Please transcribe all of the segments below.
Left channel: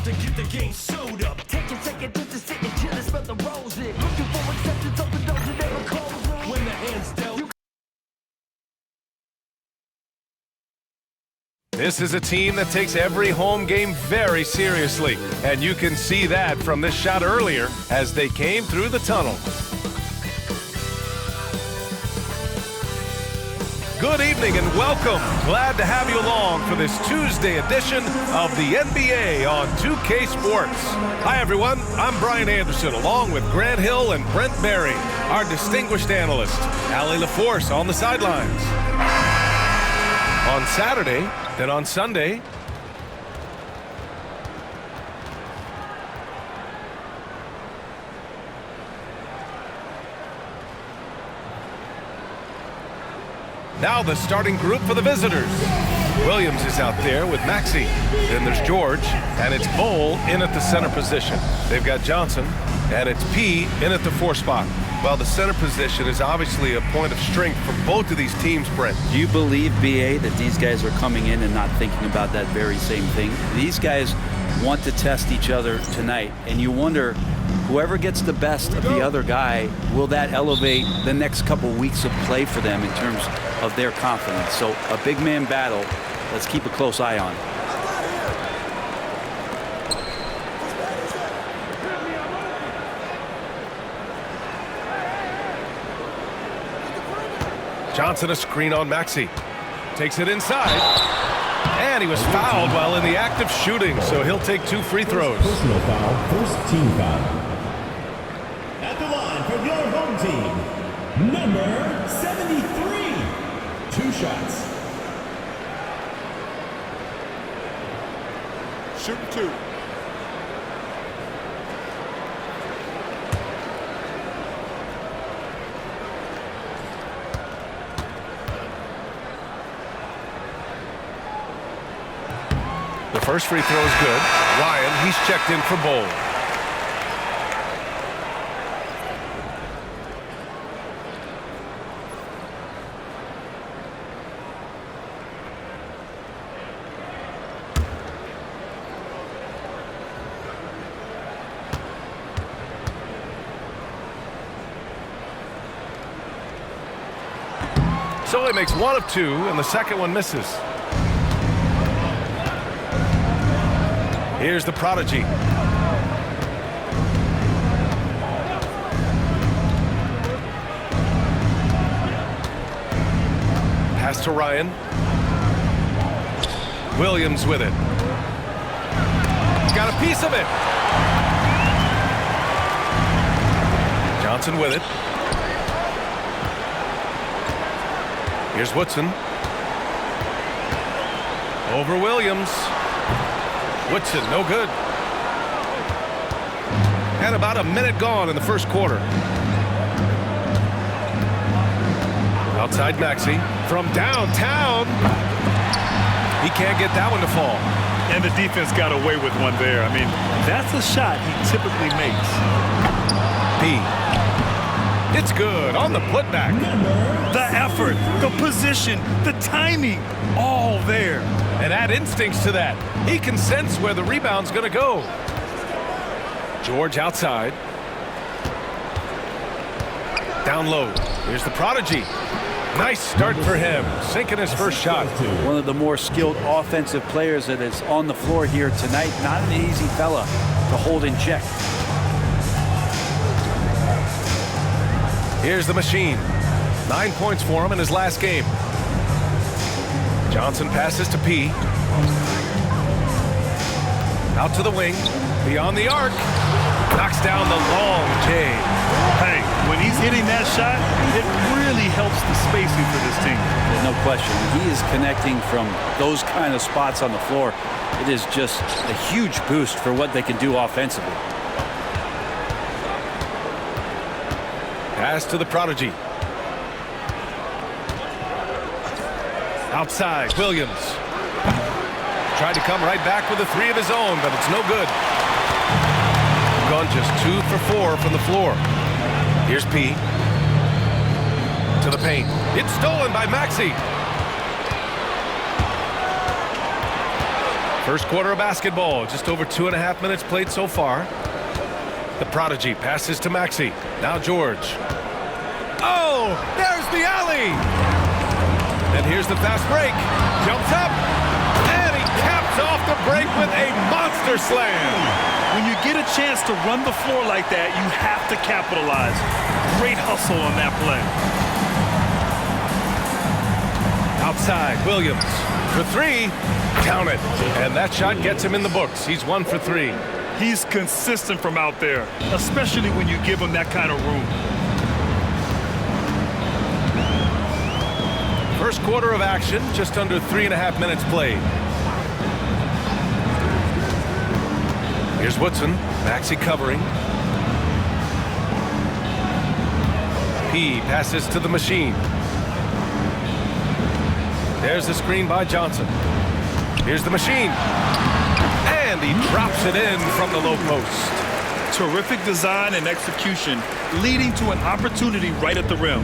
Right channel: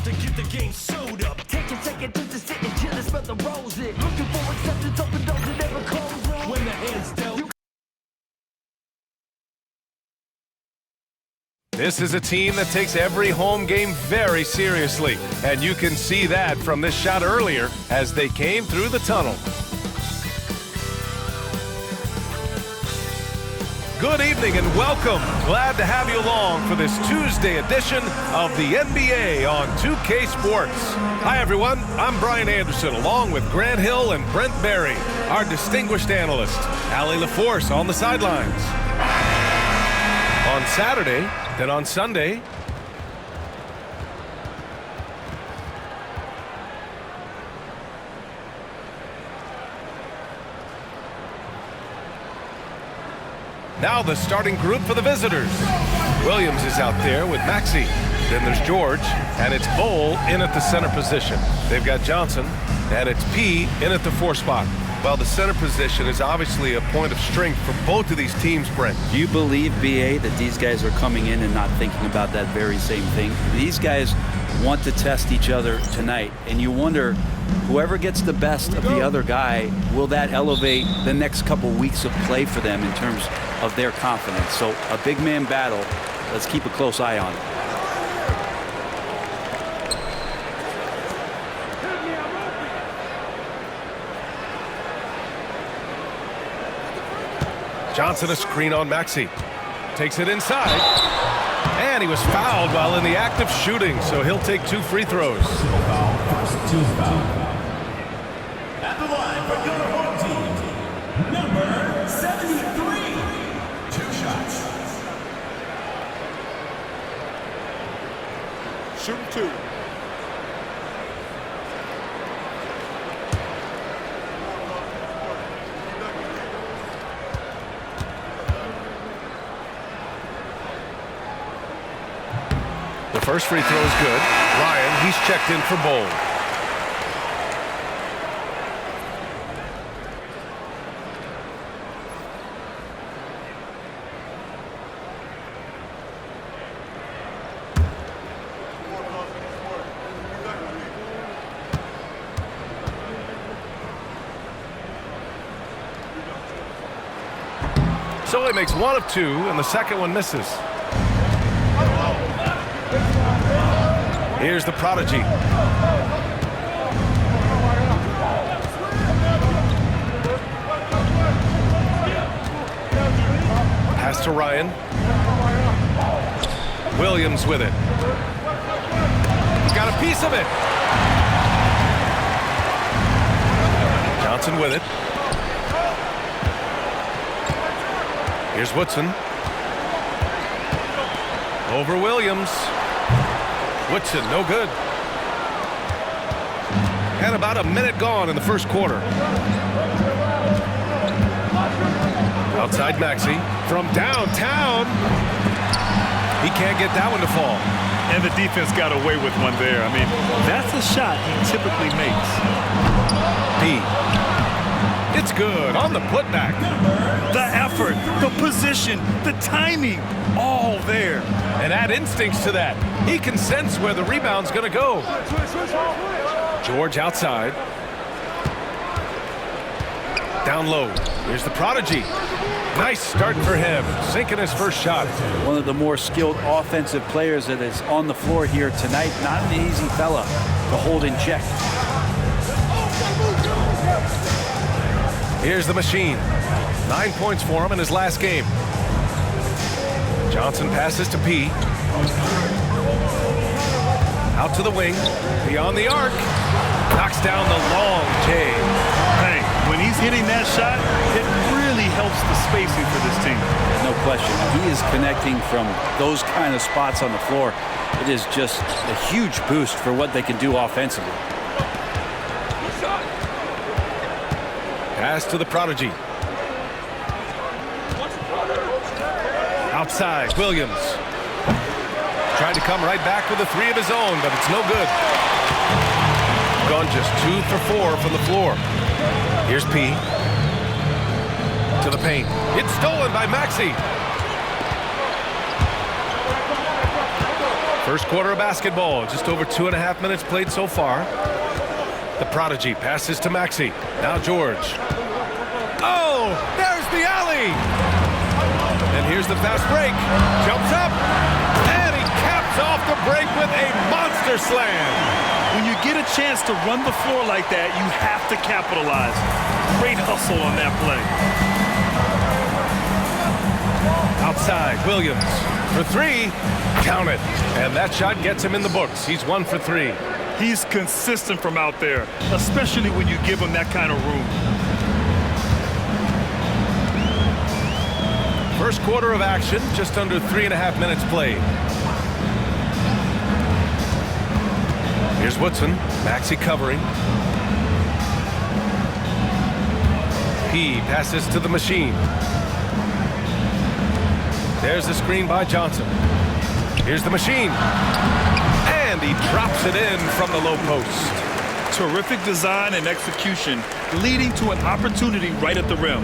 about to get the game sewed up. Take a second just to sit and chill and smell the roses. Looking for acceptance, open doors and never close them. When the hand's dealt. This is a team that takes every home game very seriously, and you can see that from this shot earlier as they came through the tunnel. Good evening and welcome. Glad to have you along for this Tuesday edition of the NBA on 2K Sports. Hi everyone, I'm Brian Anderson along with Grant Hill and Brent Berry, our distinguished analyst, Allie LaForce on the sidelines. On Saturday, then on Sunday, now the starting group for the visitors. Williams is out there with Maxey. Then there's George, and it's Bowl in at the center position. They've got Johnson, and it's P in at the 4 spot. Well, the center position is obviously a point of strength for both of these teams, Brent. Do you believe, BA, that these guys are coming in and not thinking about that very same thing? These guys want to test each other tonight, and you wonder, whoever gets the best of the other guy, will that elevate the next couple weeks of play for them in terms of their confidence? So a big man battle, let's keep a close eye on it. Johnson a screen on Maxey. Takes it inside. And he was fouled while in the act of shooting, so he'll take 2 free throws. Personal foul, first team foul. At the line for your home team, number 73. 2 shots. Shooting 2. The first free throw is good. Ryan, he's checked in for Bowl. So he makes 1 of 2, and the second one misses. Here's the prodigy. Pass to Ryan. Williams with it. He's got a piece of it. Johnson with it. Here's Woodson. Over Williams. Woodson, no good. And about a minute gone in the first quarter. Outside Maxey from downtown. He can't get that one to fall. And the defense got away with one there. I mean, that's a shot he typically makes. P. It's good on the putback. The effort, the position, the timing, all there. And add instincts to that. He can sense where the rebound's going to go. George outside. Down low. Here's the prodigy. Nice start for him. Sinking his first shot. One of the more skilled offensive players that is on the floor here tonight. Not an easy fella to hold in check. Here's the machine. 9 points for him in his last game. Johnson passes to P. Out to the wing. Beyond the arc. Knocks down the long J. Hey, when he's hitting that shot, it really helps the spacing for this team. There's no question. He is connecting from those kind of spots on the floor. It is just a huge boost for what they can do offensively. Pass to the prodigy. Outside, Williams. Tried to come right back with a 3 of his own, but it's no good. Gone just 2 for 4 from the floor. Here's P. To the paint. It's stolen by Maxey. First quarter of basketball, just over 2.5 minutes played so far. The prodigy passes to Maxey. Now George. Oh, there's the alley. And here's the fast break. Jumps up, and he caps off the break with a monster slam. When you get a chance to run the floor like that, you have to capitalize. Great hustle on that play. Outside, Williams for three. Count it. And that shot gets him in the books. He's 1 for 3. He's consistent from out there, especially when you give him that kind of room. First quarter of action, just under 3.5 minutes played. Here's Woodson. Maxey covering. P passes to the machine. There's the screen by Johnson. Here's the machine. And he drops it in from the low post. Terrific design and execution, leading to an opportunity right at the rim.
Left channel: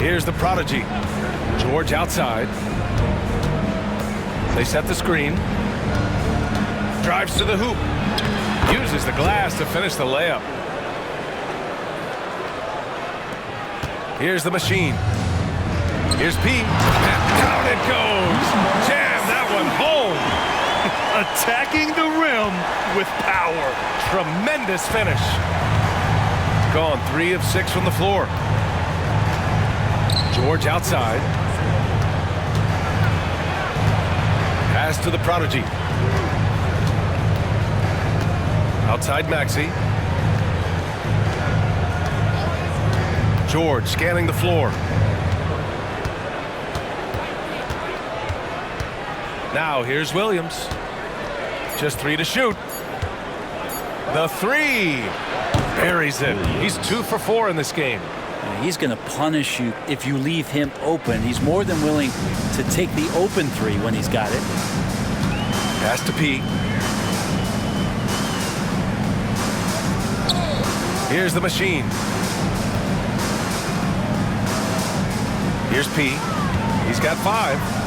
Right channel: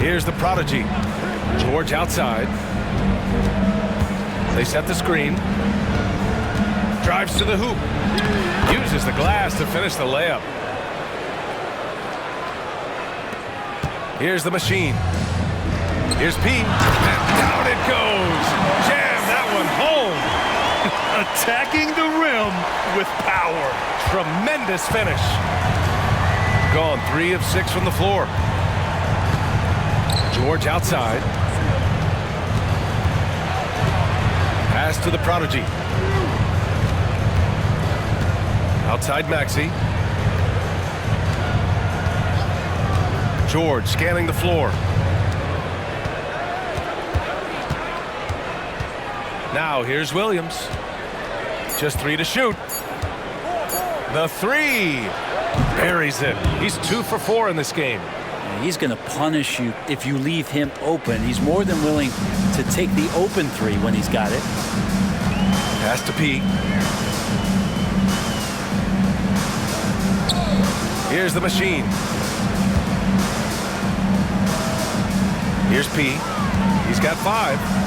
Here's the prodigy. George outside. They set the screen. Drives to the hoop. Uses the glass to finish the layup. Here's the machine. Here's P. And down it goes. Jam that one home. Attacking the rim with power. Tremendous finish. Gone 3 of 6 from the floor. George outside. Pass to the prodigy. Outside Maxey. George scanning the floor. Now here's Williams. Just 3 to shoot. The 3. Buries it. He's 2 for 4 in this game. He's going to punish you if you leave him open. He's more than willing to take the open 3 when he's got it. Pass to P. Here's the machine. Here's P. He's got 5.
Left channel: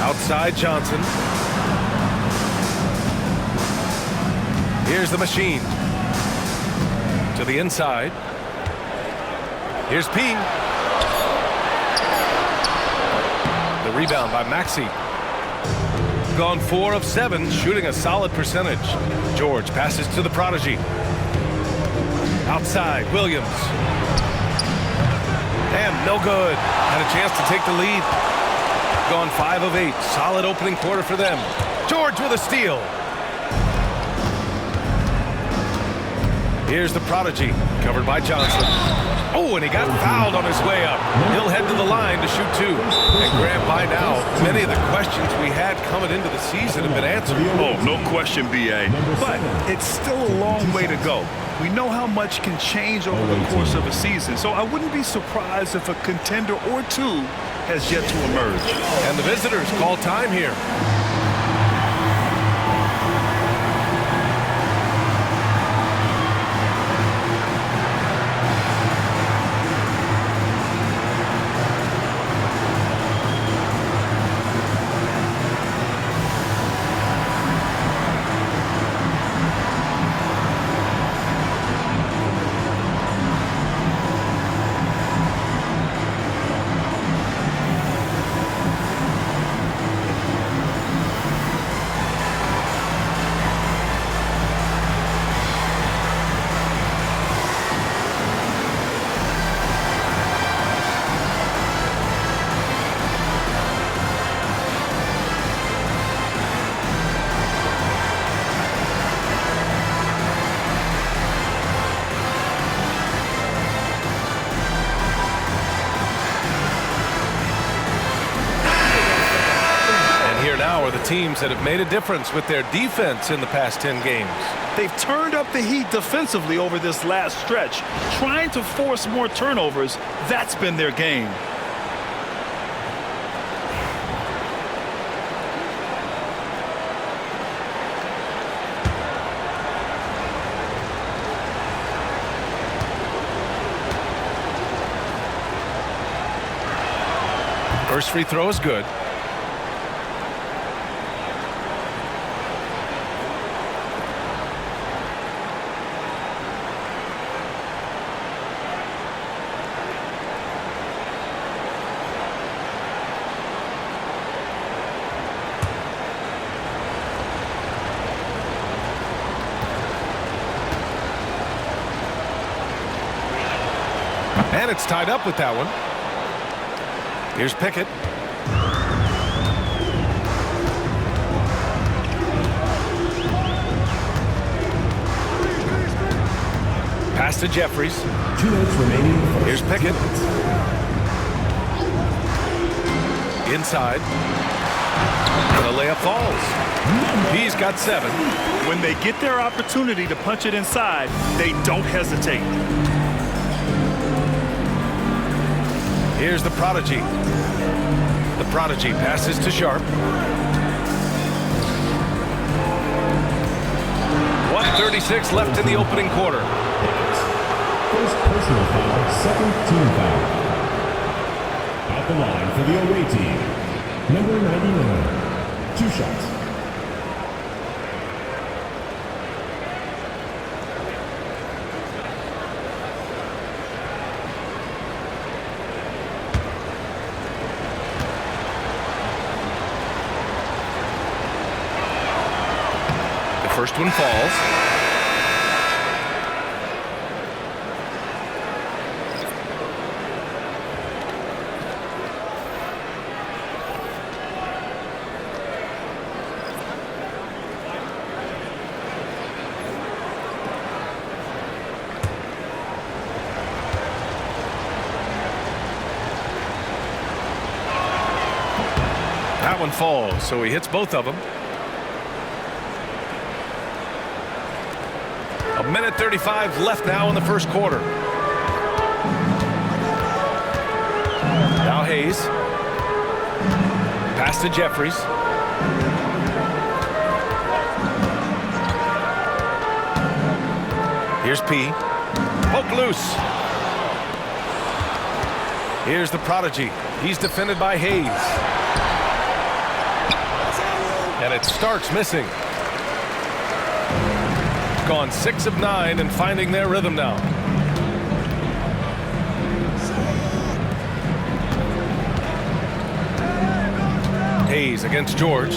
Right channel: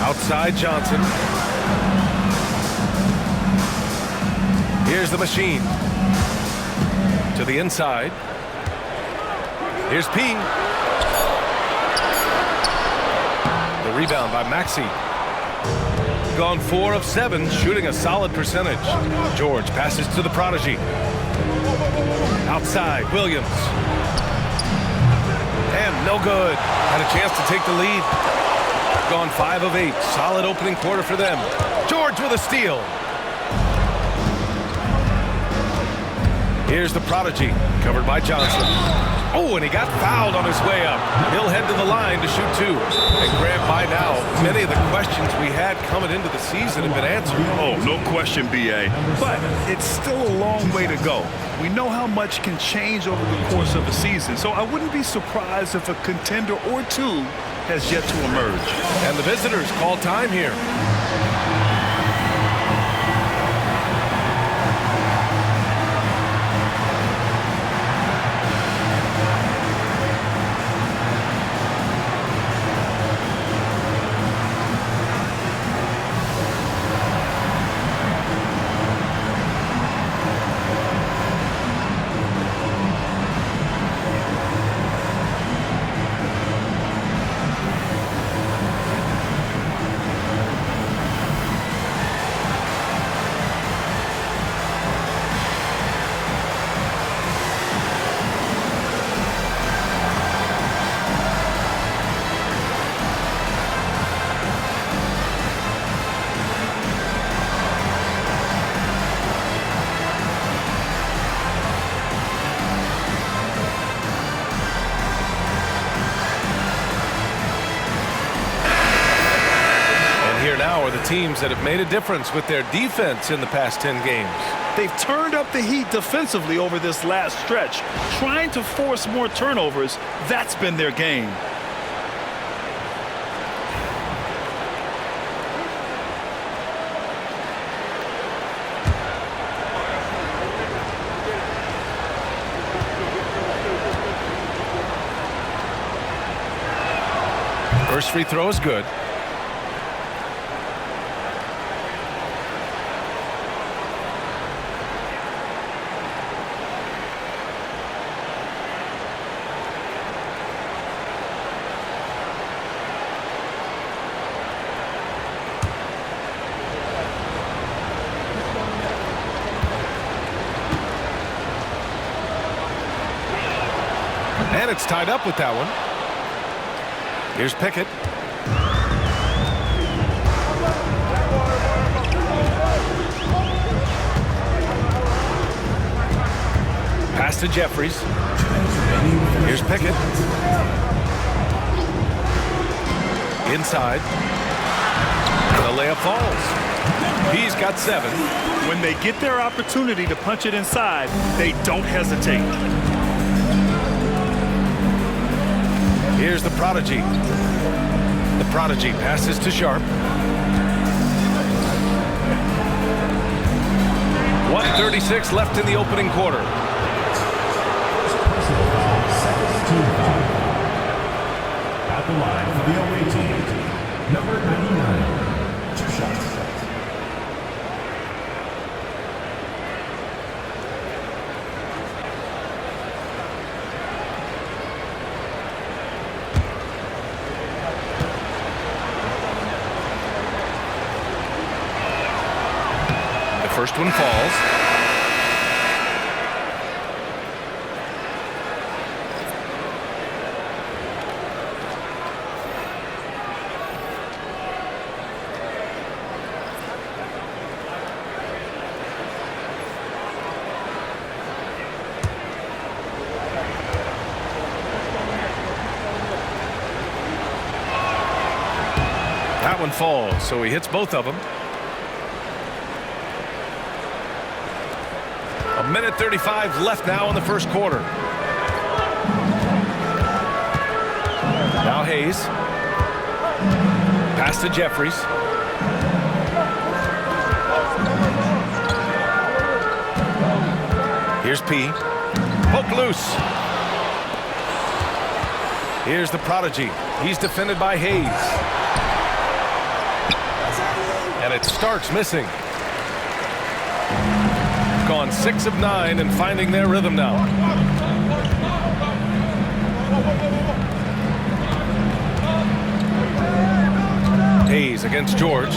Outside Johnson. Here's the machine. To the inside. Here's P. The rebound by Maxey. Gone 4 of 7, shooting a solid percentage. George passes to the prodigy. Outside, Williams. And no good. Had a chance to take the lead. Gone 5 of 8. Solid opening quarter for them. George with a steal. Here's the prodigy, covered by Johnson. Oh, and he got fouled on his way up. He'll head to the line to shoot 2. And Grant, by now, many of the questions we had coming into the season have been answered. Oh, no question, B.A. But it's still a long way to go. We know how much can change over the course of a season, so I wouldn't be surprised if a contender or 2 has yet to emerge. And the visitors call time here. Here now are the teams that have made a difference with their defense in the past 10 games. They've turned up the heat defensively over this last stretch, trying to force more turnovers. That's been their game. First free throw is good. And it's tied up with that one. Here's Pickett. Pass to Jeffries. 2 minutes remaining. Here's Pickett. Inside. And the layup falls. He's got 7. When they get their opportunity to punch it inside, they don't hesitate. Here's the Prodigy. The Prodigy passes to Sharp. 1:36 left in the opening quarter. First personal foul, second team foul. At the line for the away team, number 99. 2 shots. First one falls. That one falls, so he hits both of them. 1:35 left now in the first quarter. Now Hayes. Pass to Jeffries. Here's P. Poke loose. Here's the Prodigy. He's defended by Hayes. And it's Starks missing. Gone 6 of 9 and finding their rhythm now. Hayes against George.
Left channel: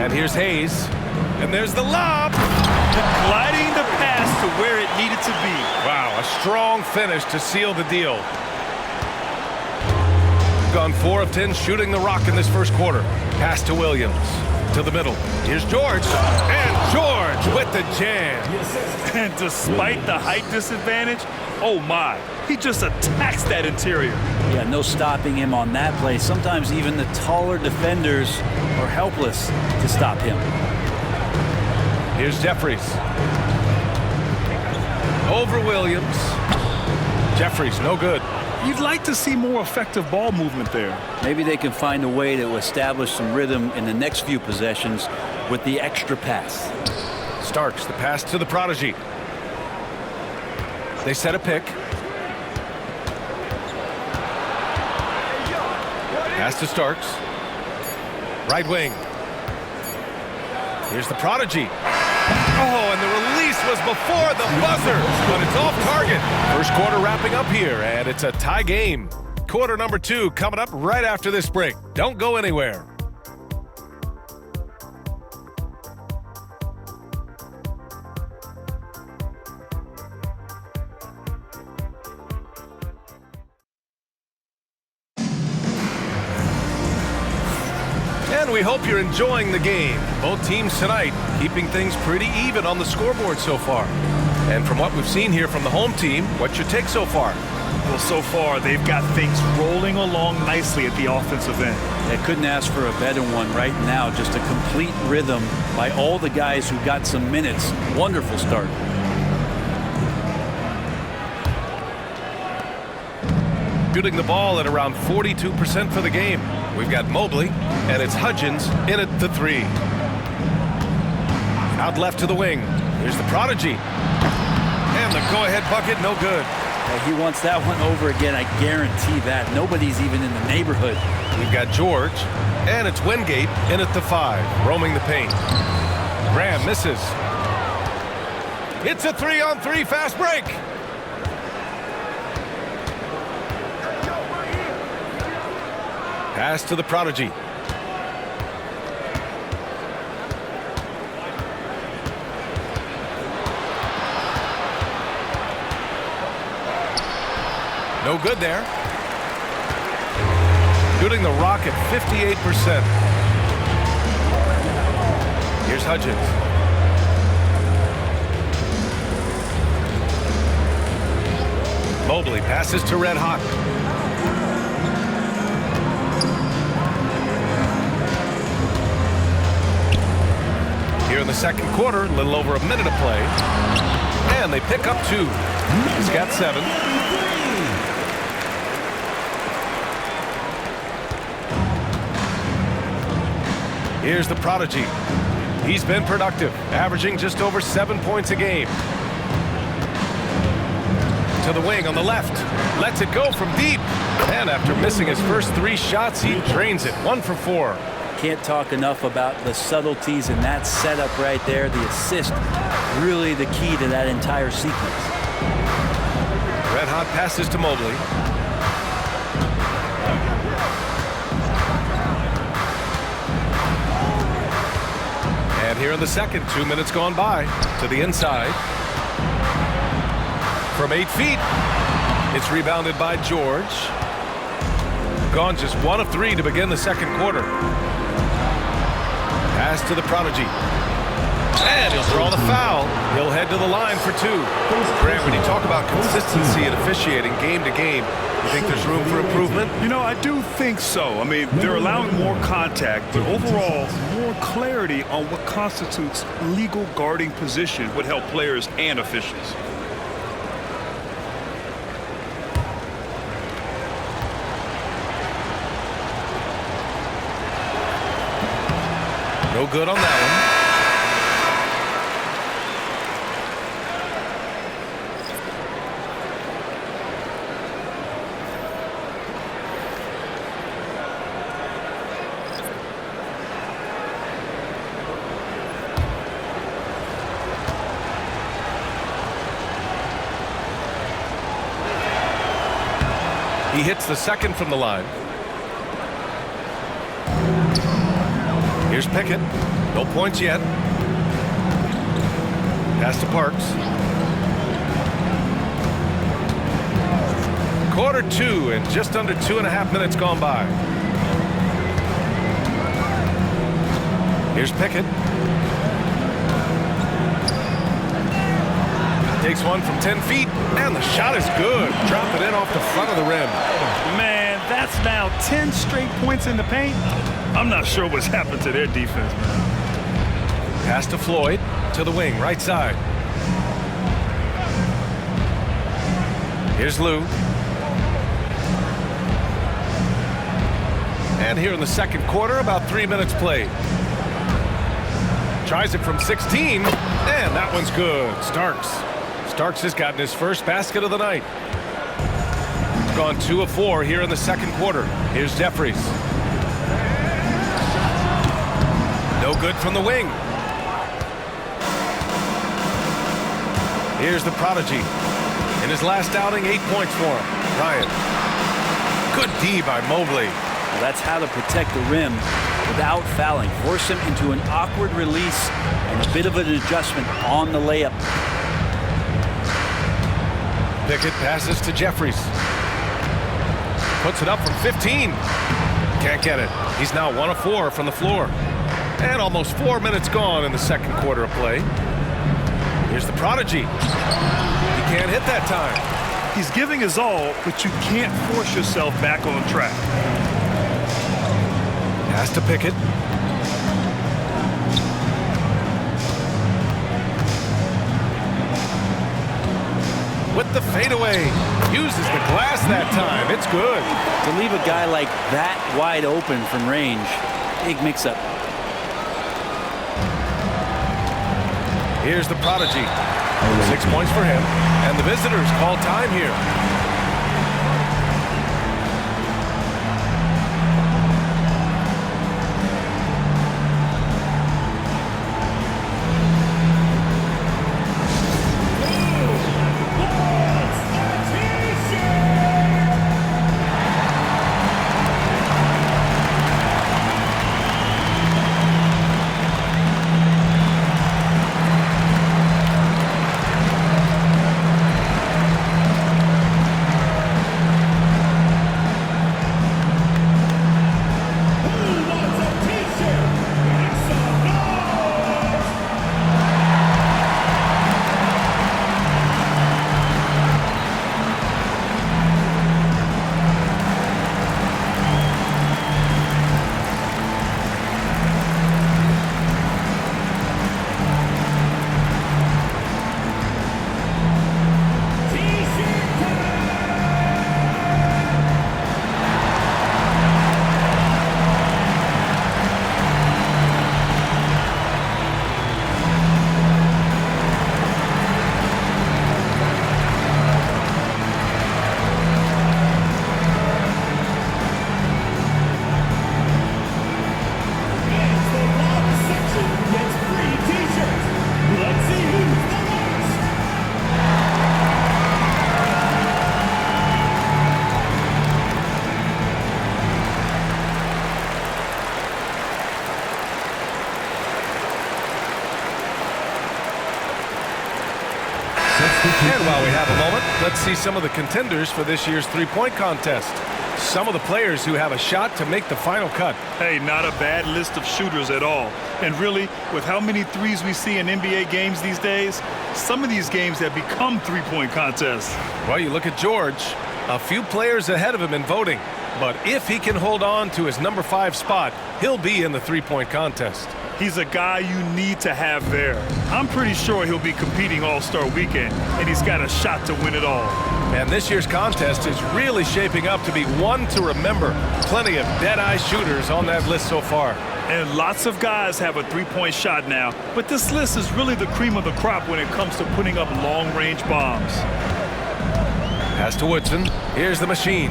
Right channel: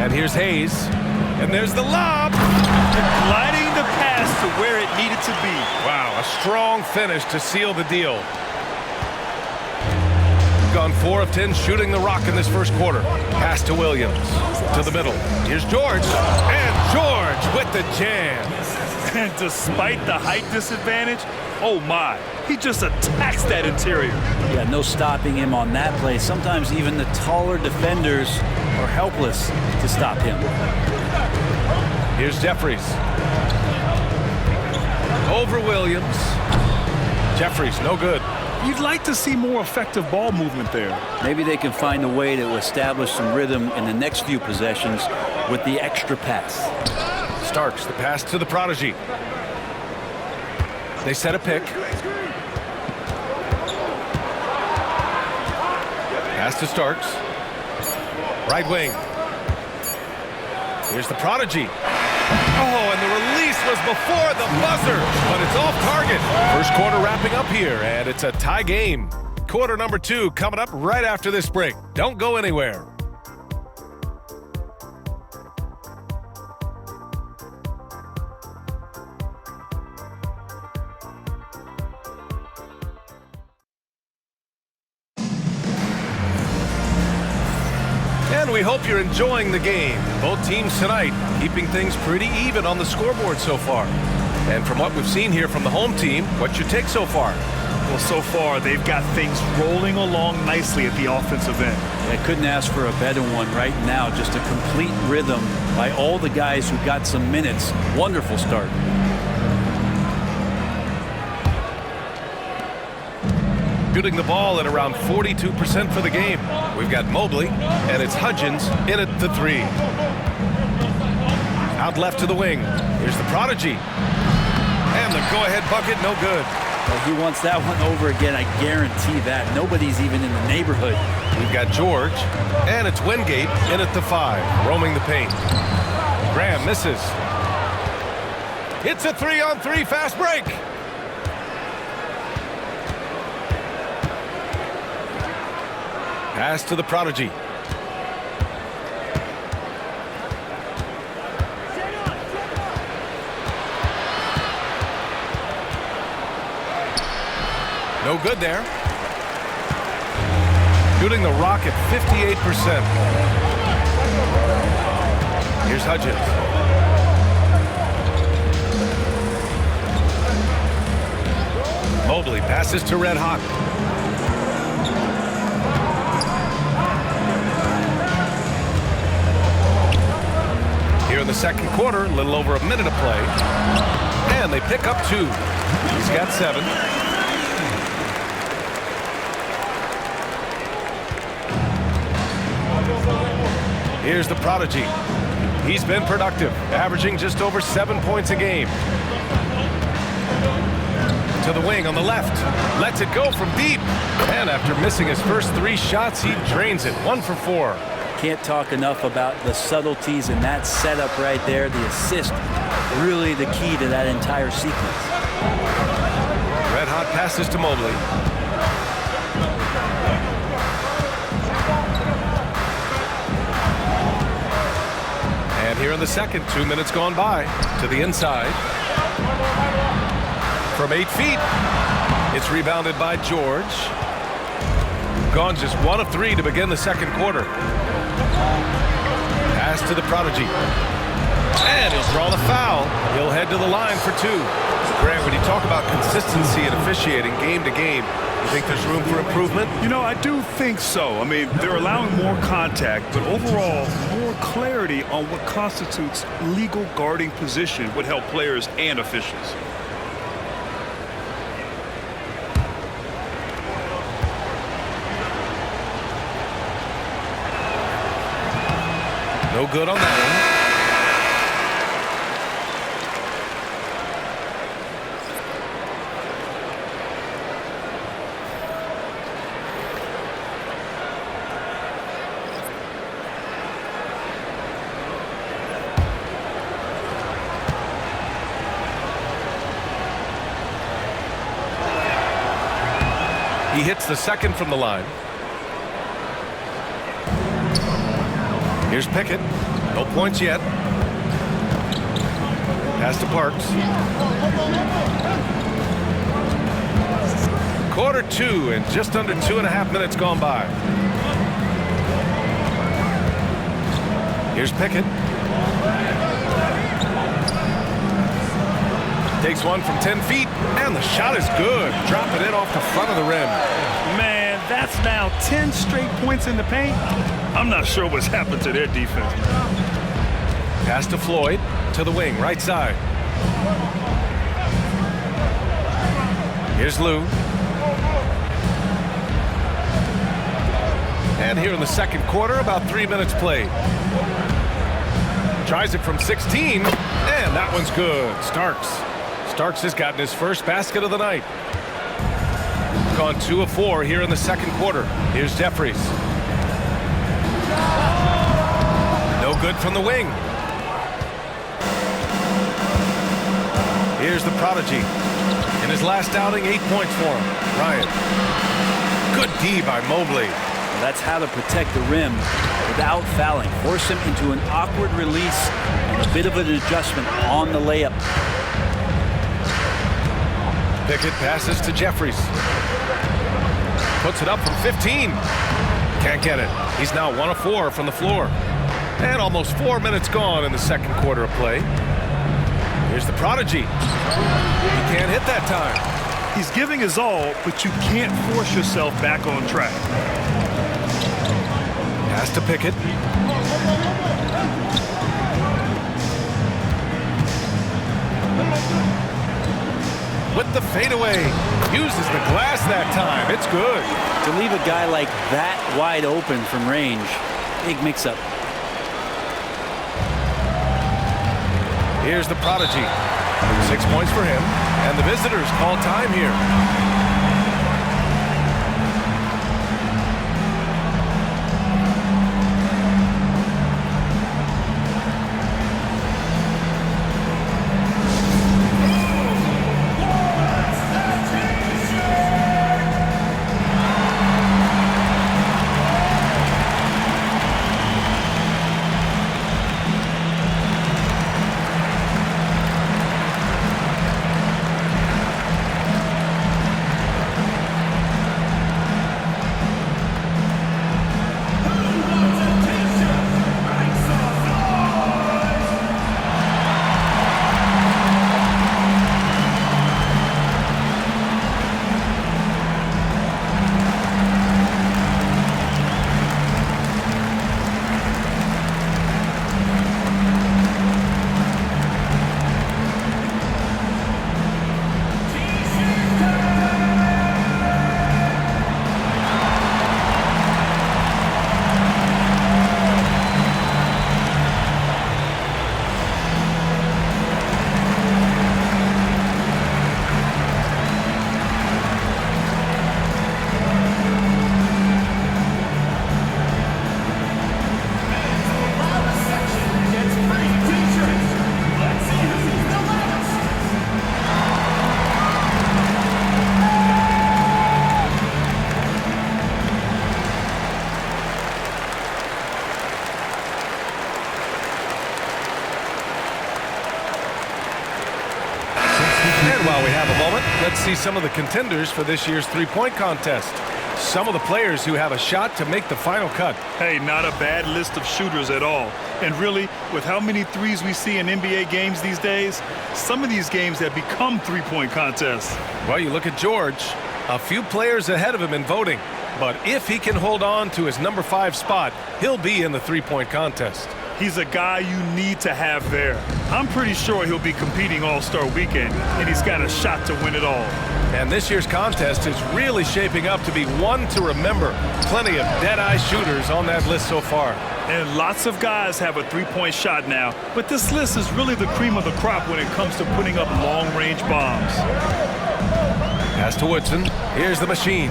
And here's Hayes. And there's the lob. Gliding the pass to where it needed to be. Wow, a strong finish to seal the deal. Gone 4 of 10 shooting the rock in this first quarter. Pass to Williams. To the middle. Here's George. And George with the jam. And despite the height disadvantage, oh my, he just attacks that interior. Yeah, no stopping him on that play. Sometimes even the taller defenders are helpless to stop him. Here's Jeffries. Over Williams. Jeffries, no good. You'd like to see more effective ball movement there. Maybe they can find a way to establish some rhythm in the next few possessions with the extra pass. Starks, the pass to the Prodigy. They set a pick. Pass to Starks. Right wing. Here's the Prodigy. Oh, and the release was before the buzzer, but it's off target. First quarter wrapping up here, and it's a tie game. Quarter number 2 coming up right after this break. Don't go anywhere. And we hope you're enjoying the game. Both teams tonight keeping things pretty even on the scoreboard so far. And from what we've seen here from the home team, what's your take so far? Well, so far, they've got things rolling along nicely at the offensive end. I couldn't ask for a better one right now. Just a complete rhythm by all the guys who got some minutes. Wonderful start. Shooting the ball at around 42% for the game. We've got Mobley, and it's Hudgens in at the 3. Out left to the wing. Here's the Prodigy. And the go-ahead bucket, no good. He wants that one over again, I guarantee that. Nobody's even in the neighborhood. We've got George, and it's Wingate in at the 5, roaming the paint. Graham misses. It's a 3-on-3 fast break. Pass to the prodigy. No good there. Shooting the rock at 58%. Here's Hudgens. Mobley passes to Red Hot. Here in the second quarter, a little over a minute of play. And they pick up 2. He's got 7. Here's the prodigy. He's been productive, averaging just over 7 points a game. To the wing on the left. Lets it go from deep. And after missing his first 3 shots, he drains it. 1 for 4. Can't talk enough about the subtleties in that setup right there. The assist, really the key to that entire sequence. Red Hot passes to Mobley. And here in the second, 2 minutes gone by, to the inside. From 8 feet, it's rebounded by George. Gone just 1 of 3 to begin the second quarter. Pass to the prodigy. And he'll draw the foul. He'll head to the line for 2. Grant, when you talk about consistency and officiating game to game, you think there's room for improvement? You know, I do think so. I mean, they're allowing more contact, but overall, more clarity on what constitutes legal guarding position would help players and officials. No good on that one. He hits the second from the line. Here's Pickett. No points yet. Pass to Parks. Quarter 2 and just under 2.5 minutes gone by. Here's Pickett. Takes one from 10 feet, and the shot is good. Drop it in off the front of the rim. Man, that's now 10 straight points in the paint. I'm not sure what's happened to their defense, man. Pass to Floyd, to the wing, right side. Here's Lou. And here in the second quarter, about 3 minutes played. Tries it from 16, and that one's good. Starks has gotten his first basket of the night. Gone 2 of 4 here in the second quarter. Here's Jeffries. No good from the wing. Here's the prodigy. In his last outing, 8 points for him. Ryan. Good D by Mobley. Well, that's how to protect the rim without fouling. Force him into an awkward release and a bit of an adjustment on the layup. Pickett passes to Jeffries. Puts it up from 15. Can't get it. He's now 1 of 4 from the floor. And almost 4 minutes gone in the second quarter of play. Here's the prodigy. He can't hit that time. He's giving his all, but you can't force yourself back on track. Pass to Pickett. With the fadeaway. Uses the glass that time. It's good. To leave a guy like that wide open from range, big mix-up. Here's the prodigy. 6 points for him. And the visitors call time here. And while we have a moment, let's see some of the contenders for this year's three-point contest. Some of the players who have a shot to make the final cut. Hey, not a bad list of shooters at all. And really, with how many threes we see in NBA games these days, some of these games have become three-point contests. Well, you look at George, a few players ahead of him in voting. But if he can hold on to his number 5 spot, he'll be in the three-point contest. He's a guy you need to have there. I'm pretty sure he'll be competing All-Star Weekend, and he's got a shot to win it all. And this year's contest is really shaping up to be one to remember. Plenty of dead-eye shooters on that list so far. And lots of guys have a three-point shot now, but this list is really the cream of the crop when it comes to putting up long-range bombs. Pass to Woodson. Here's the machine.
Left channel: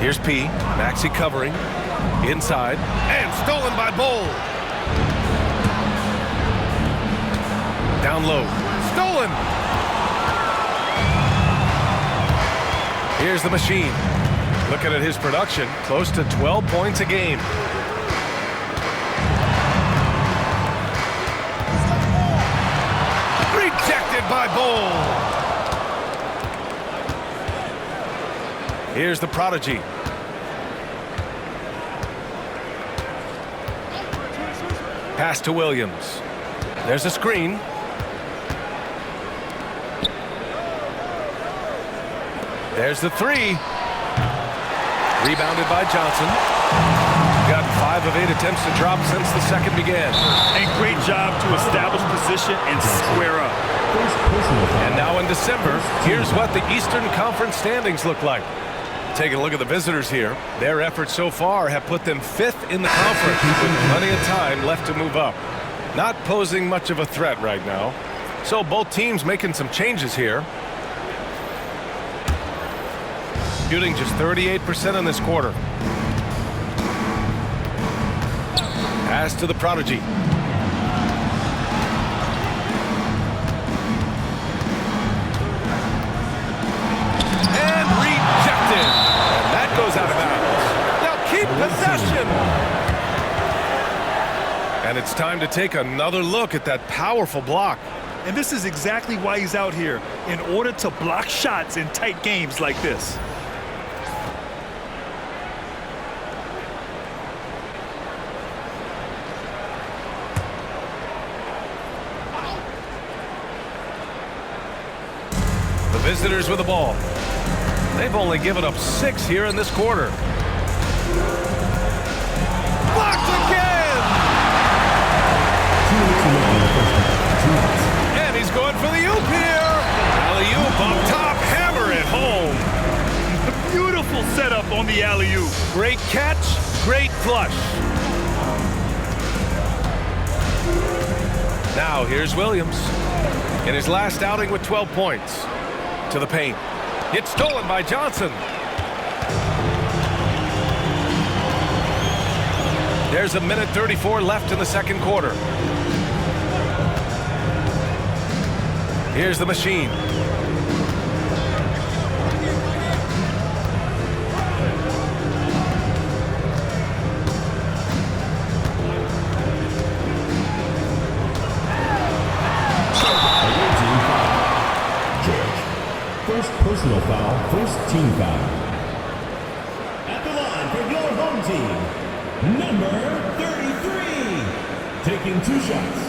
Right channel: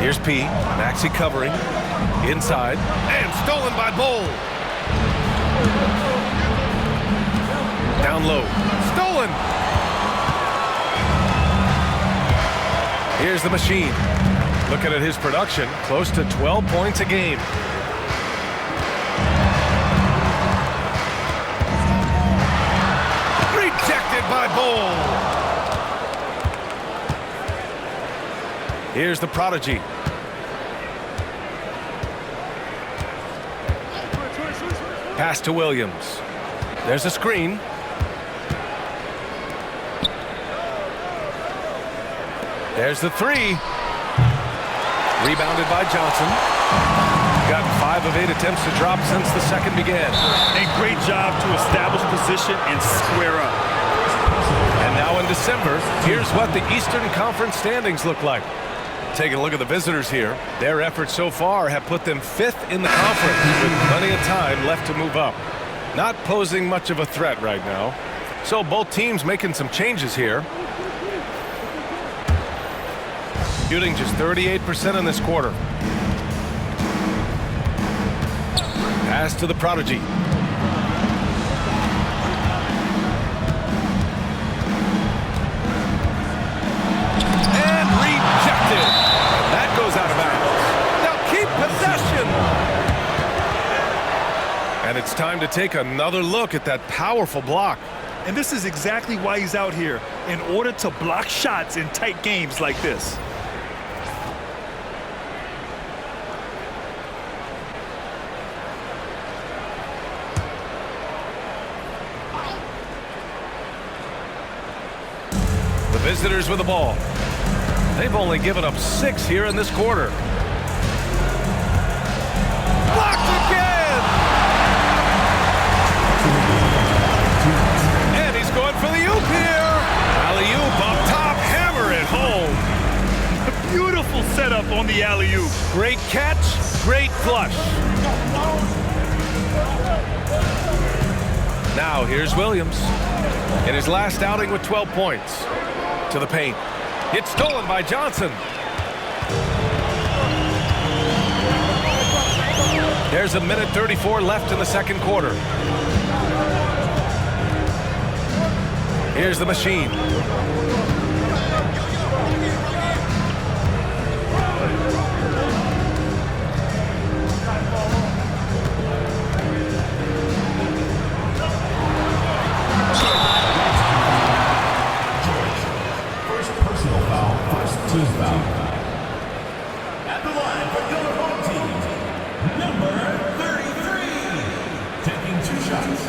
Here's P. Maxey covering. Inside. And stolen by Bowl. Down low. Stolen. Here's the machine. Looking at his production, close to 12 points a game. Rejected by Bowl. Here's the prodigy. Pass to Williams. There's a screen. There's the three. Rebounded by Johnson. Gotten 5 of 8 attempts to drop since the second began. And great job to establish position and square up. And now in December, here's what the Eastern Conference standings look like. Taking a look at the visitors here, their efforts so far have put them 5th in the conference with plenty of time left to move up. Not posing much of a threat right now. So both teams making some changes here. Shooting just 38% in this quarter. Pass to the prodigy. And rejected. And that goes out of bounds. Now keep possession. And it's time to take another look at that powerful block. And this is exactly why he's out here, in order to block shots in tight games like this. The visitors with the ball. They've only given up 6 here in this quarter. Blocked again! And he's going for the oop here. Alley-oop up top, hammer it home. Beautiful setup on the alley-oop. Great catch, great flush. Now here's Williams in his last outing with 12 points. To the paint. It's stolen by Johnson. There's a minute 34 left in the second quarter. Here's the machine. Personal foul, first team foul. At the line for your home team, number 33, taking 2 shots.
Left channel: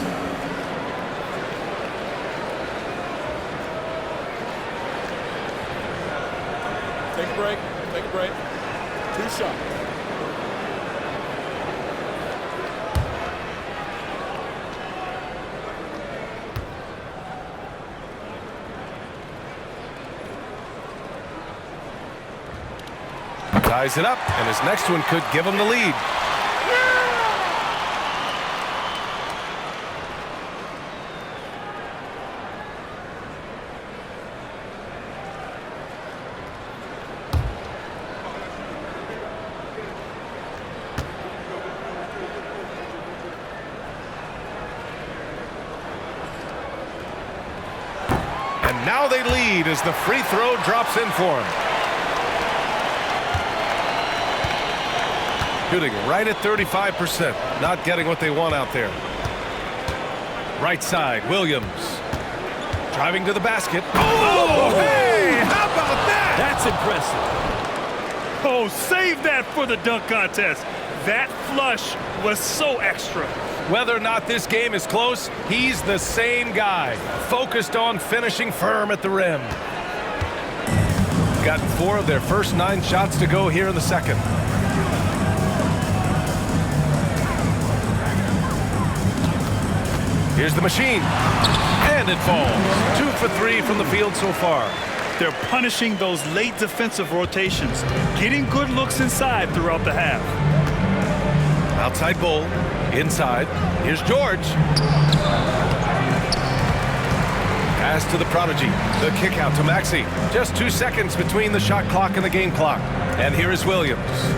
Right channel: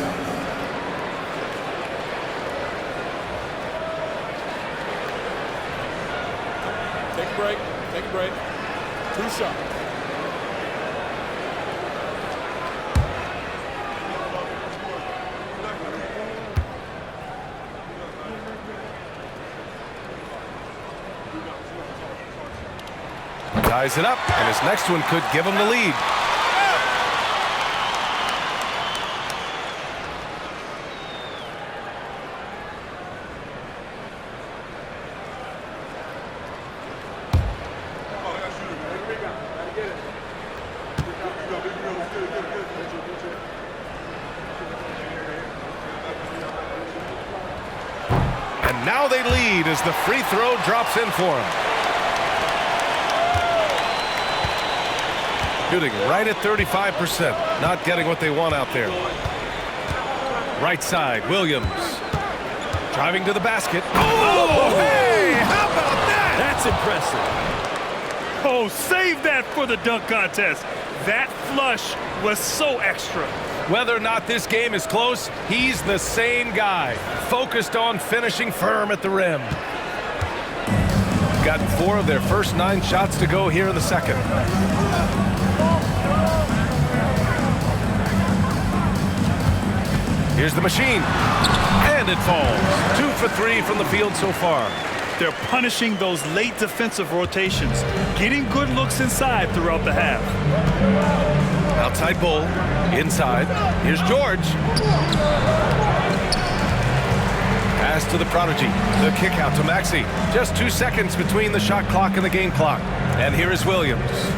Take a break. Take a break. 2 shots. Ties it up, and his next one could give him the lead. And now they lead as the free throw drops in for him. Shooting right at 35%. Not getting what they want out there. Right side, Williams. Driving to the basket. Oh, hey! How about that? That's impressive. Oh, save that for the dunk contest. That flush was so extra. Whether or not this game is close, he's the same guy. Focused on finishing firm at the rim. Gotten 4 of their first 9 shots to go here in the second. Here's the machine, and it falls. 2 for 3 from the field so far. They're punishing those late defensive rotations, getting good looks inside throughout the half. Outside Bull, inside. Here's George. Pass to the prodigy. The kick out to Maxey. Just 2 seconds between the shot clock and the game clock. And here is Williams.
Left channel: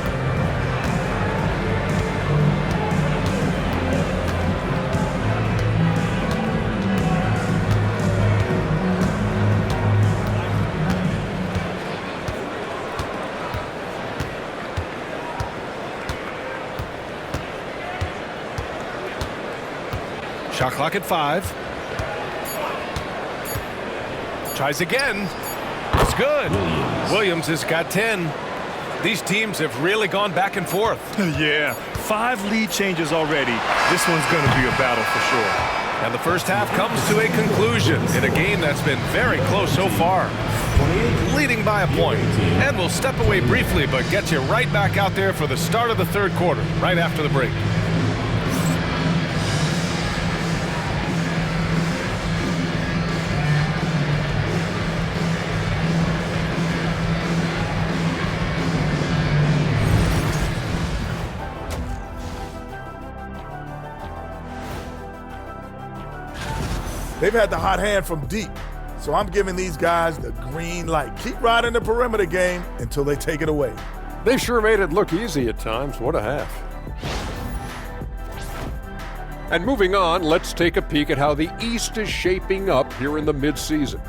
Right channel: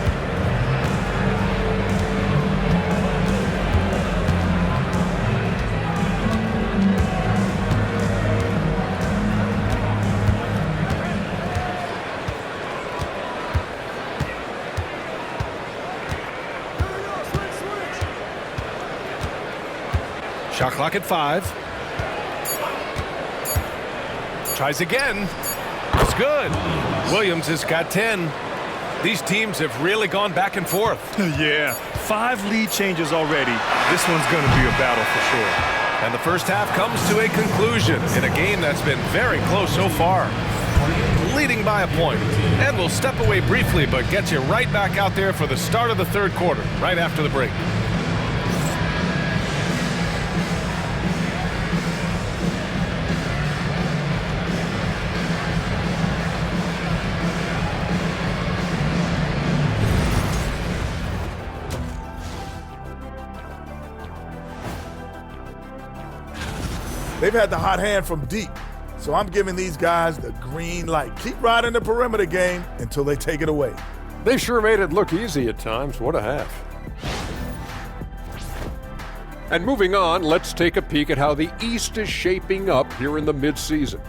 Shot clock at 5. Tries again. It's good. Williams has got 10. These teams have really gone back and forth. Yeah, 5 lead changes already. This one's going to be a battle for sure. And the first half comes to a conclusion in a game that's been very close so far. Leading by a point. And we'll step away briefly, but get you right back out there for the start of the third quarter, right after the break. They've had the hot hand from deep, so I'm giving these guys the green light. Keep riding the perimeter game until they take it away. They sure made it look easy at times. What a half. And moving on, let's take a peek at how the East is shaping up here in the midseason.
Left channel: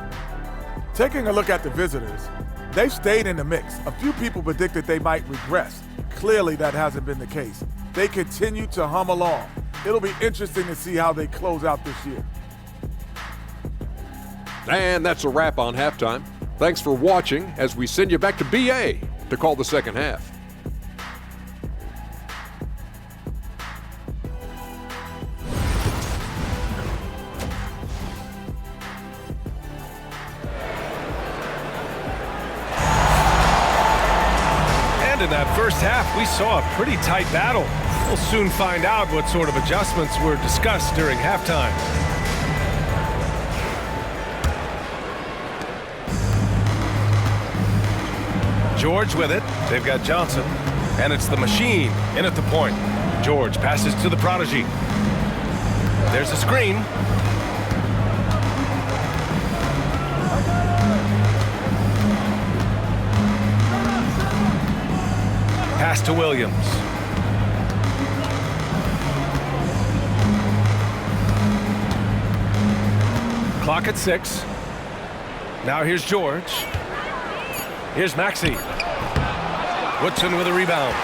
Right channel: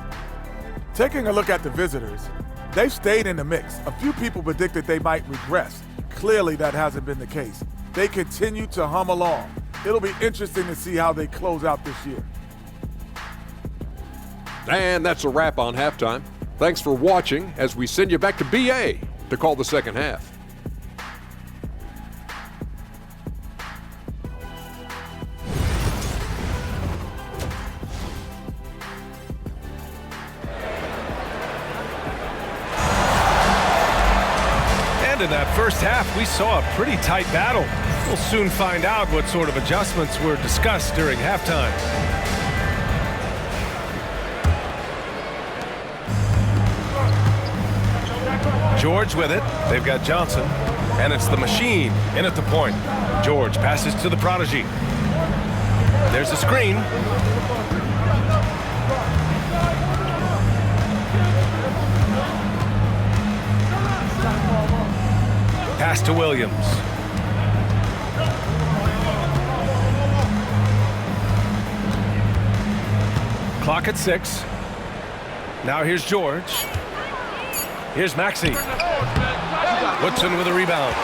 Taking a look at the visitors, they've stayed in the mix. A few people predicted they might regress. Clearly, that hasn't been the case. They continue to hum along. It'll be interesting to see how they close out this year. And that's a wrap on halftime. Thanks for watching as we send you back to BA to call the second half. And in that first half, we saw a pretty tight battle. We'll soon find out what sort of adjustments were discussed during halftime. George with it. They've got Johnson. And it's the machine in at the point. George passes to the prodigy. There's a screen. Pass to Williams. Clock at 6. Now here's George. Here's Maxey. Woodson with a rebound.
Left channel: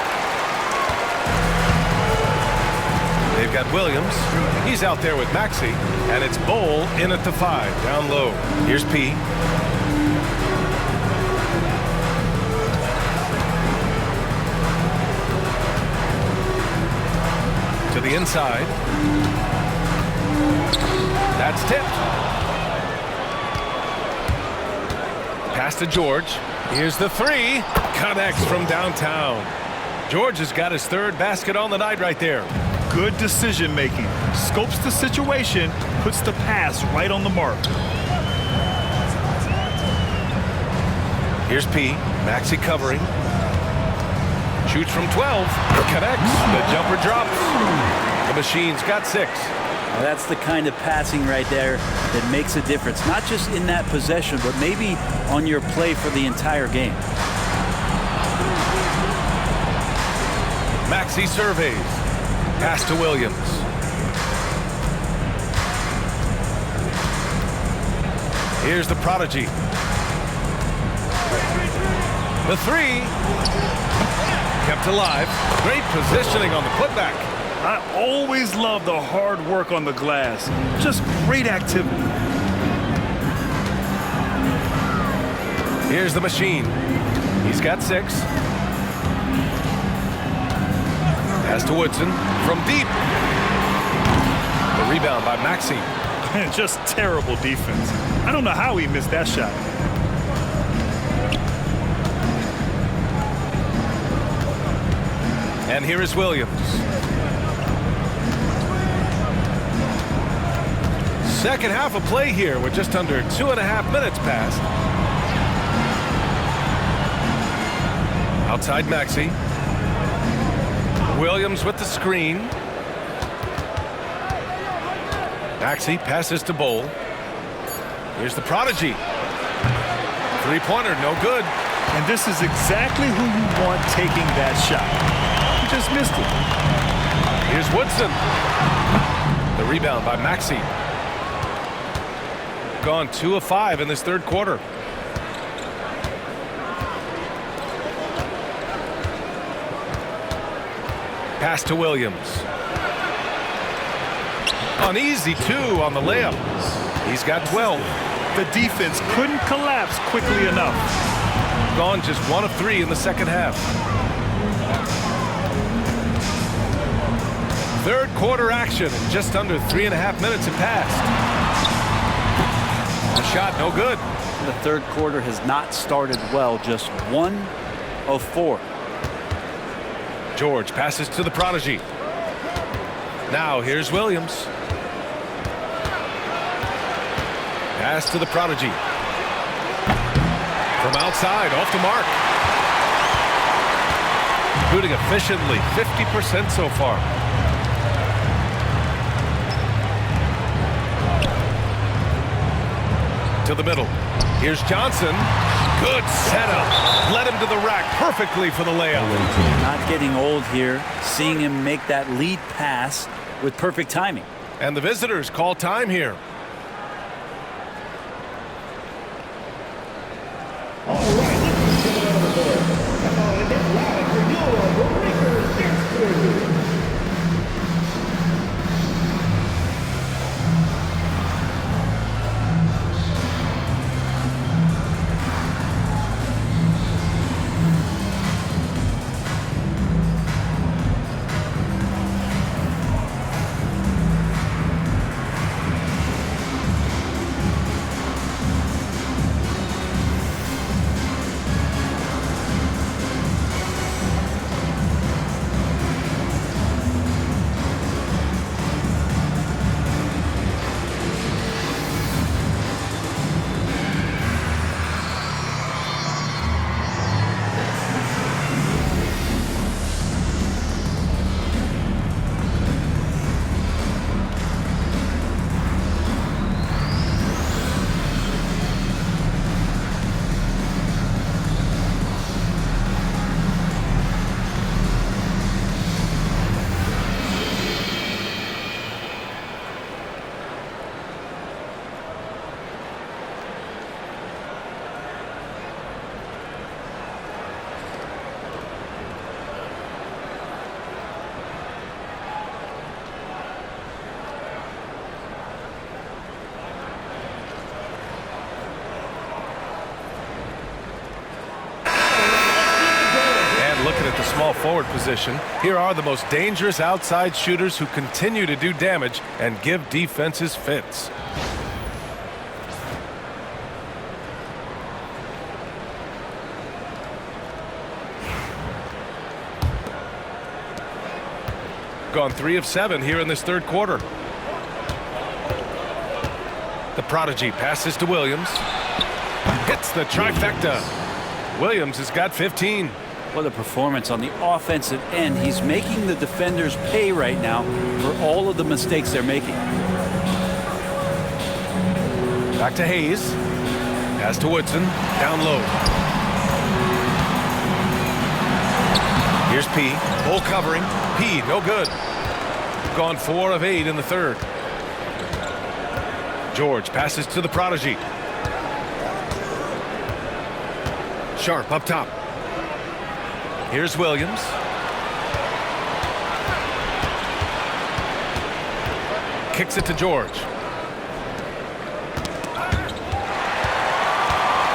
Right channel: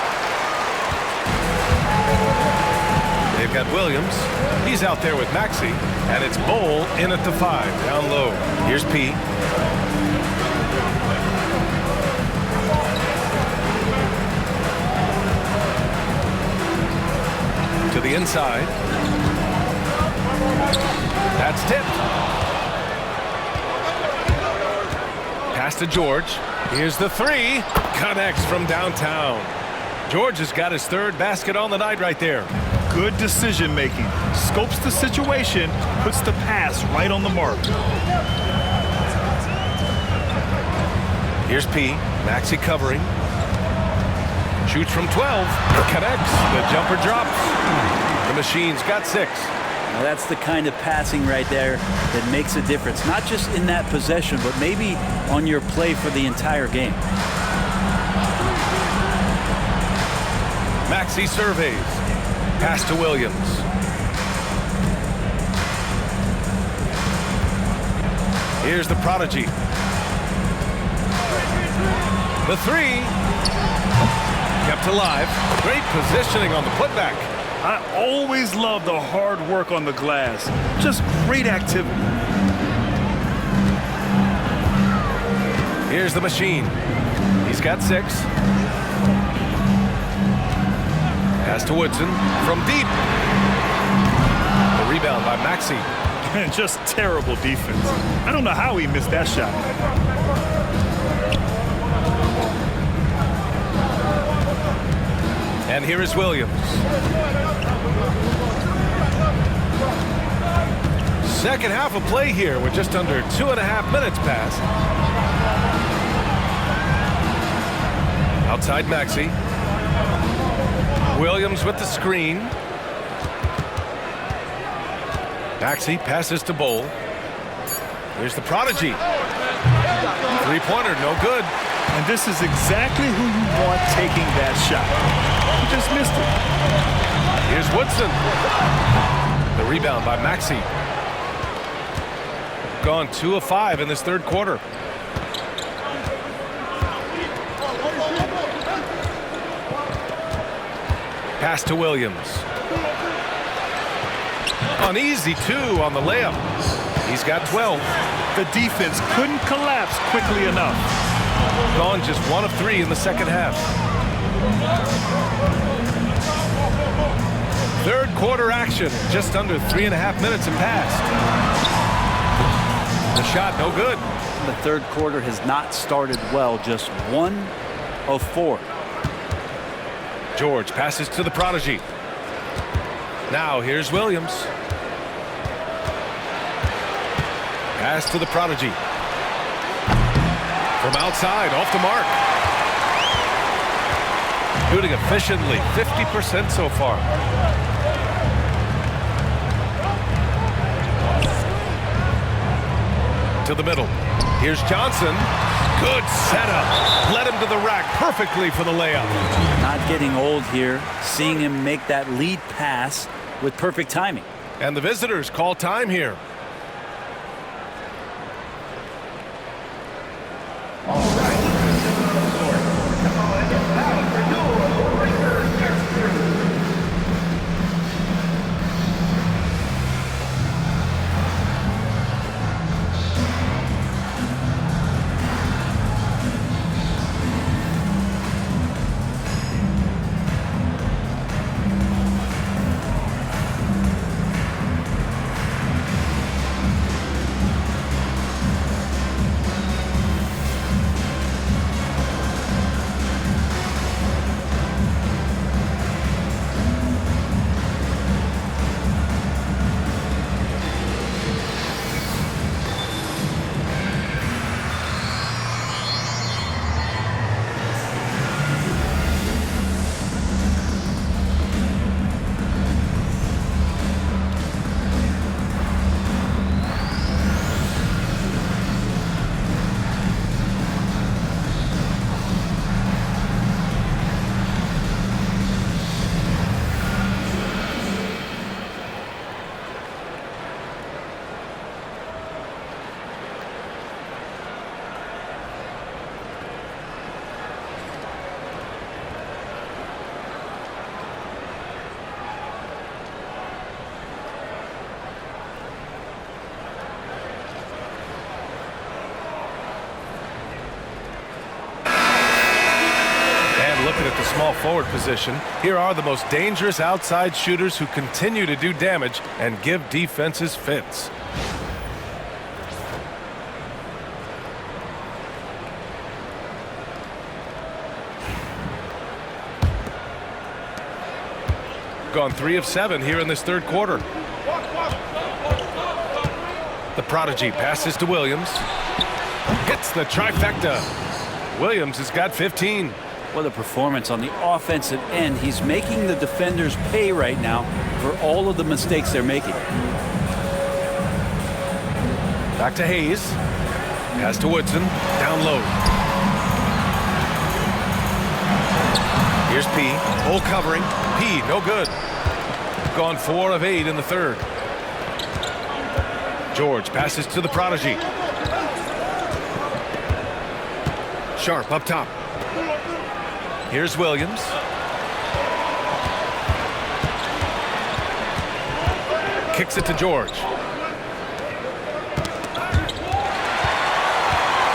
They've got Williams. He's out there with Maxey. And it's Bowl in at the 5, down low. Here's P. To the inside. That's tipped. Pass to George. Here's the 3. Connects from downtown. George has got his 3rd basket on the night right there. Good decision making. Scopes the situation, puts the pass right on the mark. Here's P. Maxey covering. Shoots from 12. Connects. The jumper drops. The Machine's got 6. Now that's the kind of passing right there that makes a difference. Not just in that possession, but maybe on your play for the entire game. Maxey surveys. Pass to Williams. Here's the prodigy. The 3. Kept alive. Great positioning on the putback. I always love the hard work on the glass. Just great activity. Here's the Machine. He's got 6. Pass to Woodson from deep. The rebound by Maxey. Just terrible defense. I don't know how he missed that shot. And here is Williams. Second half of play here with just under 2.5 minutes passed. Outside Maxey. Williams with the screen. Maxey passes to Bowl. Here's the prodigy. 3-pointer, no good. And this is exactly who you want taking that shot. He just missed it. Here's Woodson. The rebound by Maxey. Gone 2 of 5 in this 3rd quarter. Pass to Williams. An easy 2 on the layup. He's got 12. The defense couldn't collapse quickly enough. Gone just 1 of 3 in the second half. 3rd quarter action. Just under 3.5 minutes have passed. The shot no good. The 3rd quarter has not started well. Just 1 of 4. George passes to the prodigy. Now here's Williams. Pass to the prodigy. From outside, off the mark. Shooting efficiently, 50% so far. To the middle. Here's Johnson. Good setup. Led him to the rack perfectly for the layup. Not getting old here. Seeing him make that lead pass with perfect timing. And the visitors call time here. looking at the small forward position. Here are the most dangerous outside shooters who continue to do damage and give defenses fits. Gone 3 of 7 here in this third quarter. The prodigy passes to Williams. Gets the trifecta. Williams has got 15. What a performance on the offensive end. He's making the defenders pay right now for all of the mistakes they're making. Back to Hayes. Pass to Woodson. Down low. Here's P. Full covering. P, no good. Gone 4 of 8 in the third. George passes to the prodigy. Sharp up top. Here's Williams. Kicks it to George.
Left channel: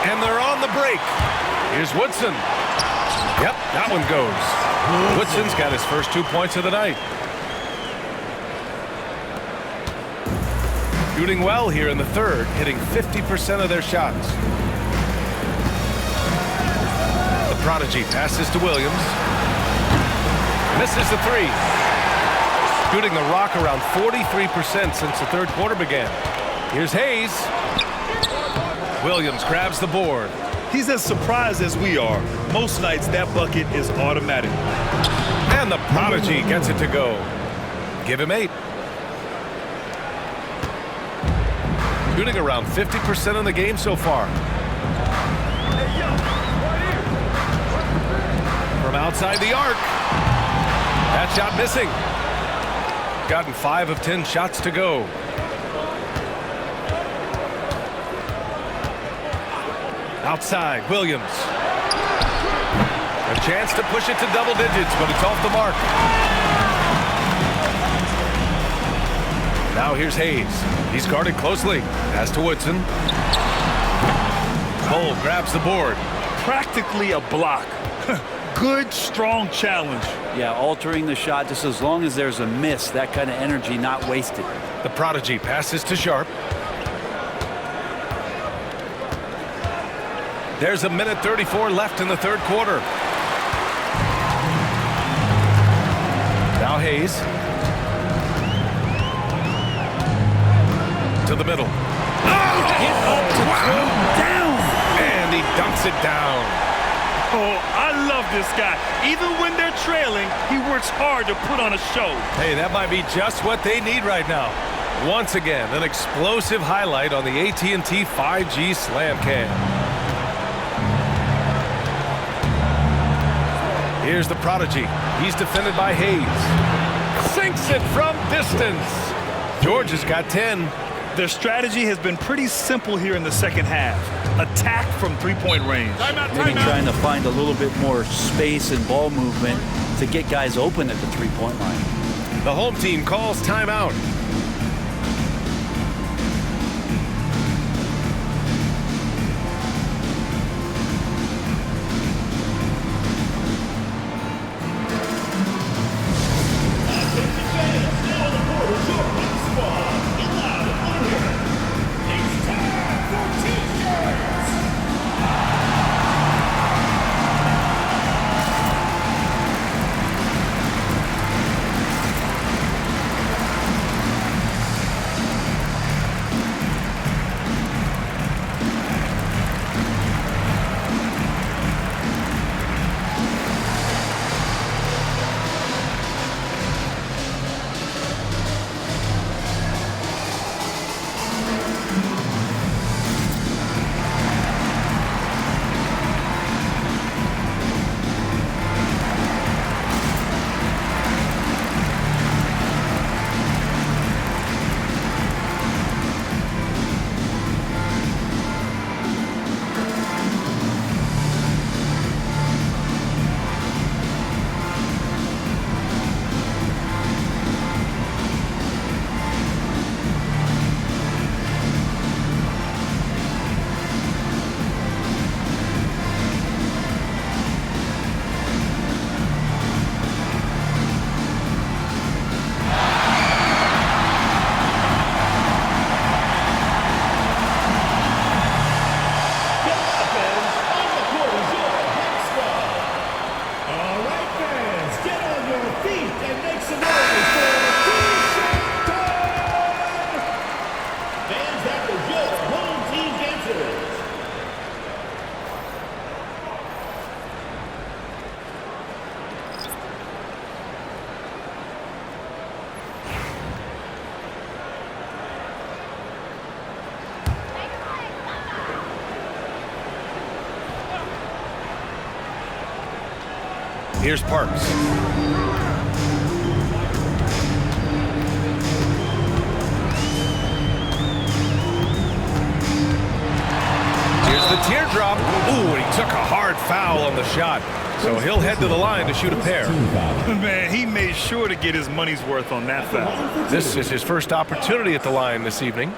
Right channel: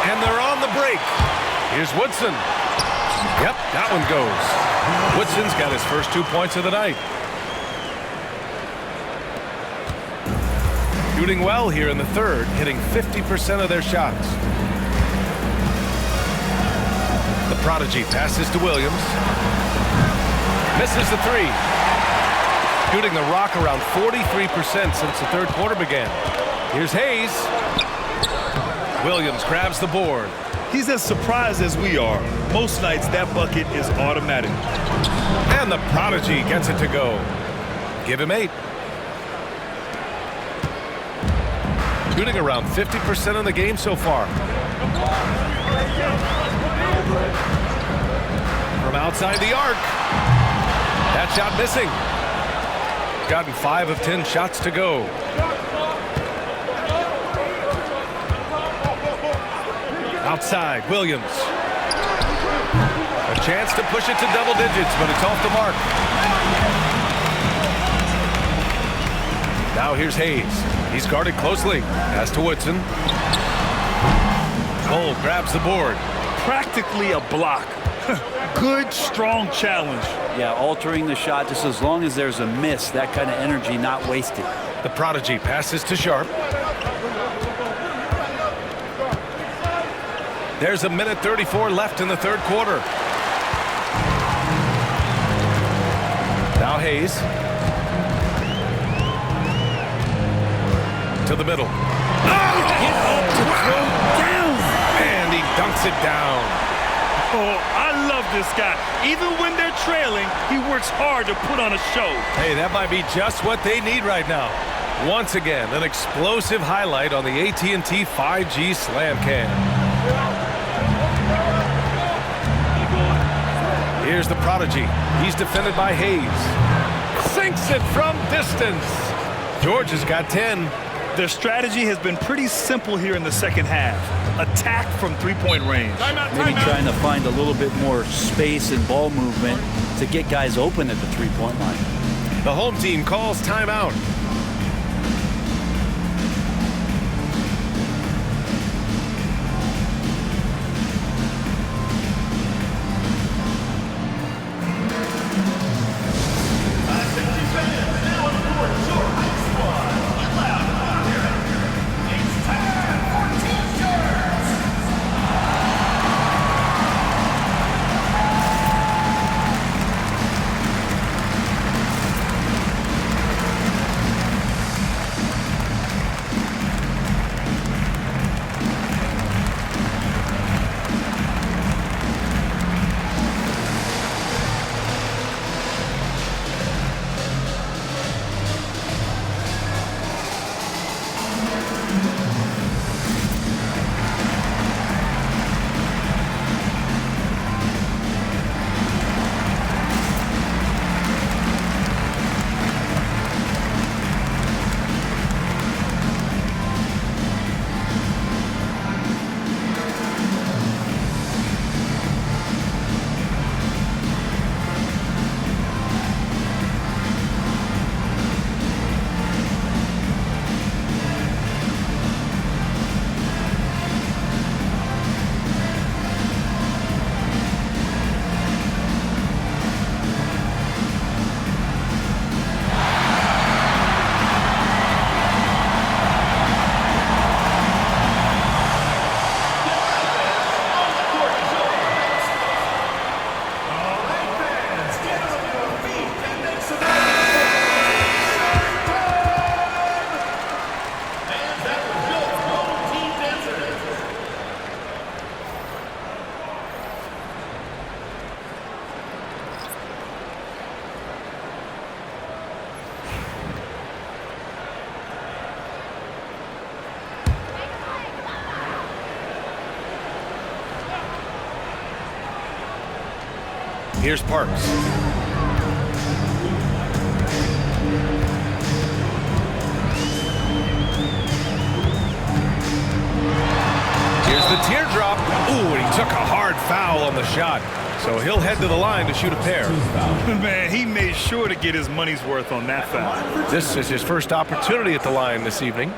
And they're on the break. Here's Woodson. Yep, that one goes. Woodson's got his first 2 points of the night. Shooting well here in the third, hitting 50% of their shots. The prodigy passes to Williams. Misses the 3. Shooting the rock around 43% since the third quarter began. Here's Hayes. Williams grabs the board. He's as surprised as we are. Most nights that bucket is automatic. And the prodigy gets it to go. Give him 8. Shooting around 50% in the game so far. From outside the arc. That shot missing. Gotten 5 of 10 shots to go. Outside, Williams. A chance to push it to double digits, but it's off the mark. Now here's Hayes. He's guarded closely. Pass to Woodson. Cole grabs the board. Practically a block. Good, strong challenge. Yeah, altering the shot just as long as there's a miss. That kind of energy not wasted. The prodigy passes to Sharp. There's a minute 34 left in the third quarter. Now Hayes. To the middle. Get up to throw down. And he dunks it down. Oh, I love this guy. Even when they're trailing, he works hard to put on a show. Hey, that might be just what they need right now. Once again, an explosive highlight on the AT&T 5G Slam Cam. Here's the prodigy. He's defended by Hayes. Sinks it from distance. George has got 10. Their strategy has been pretty simple here in the second half. Attack from three-point range. Maybe trying to find a little bit more space and ball movement to get guys open at the three-point line. The home team calls timeout. Here's Parks. Here's the teardrop. Ooh, and he took a hard foul on the shot. So he'll head to the line to shoot a pair. Man, he made sure to get his money's worth on that foul. This is his first opportunity at the line this evening.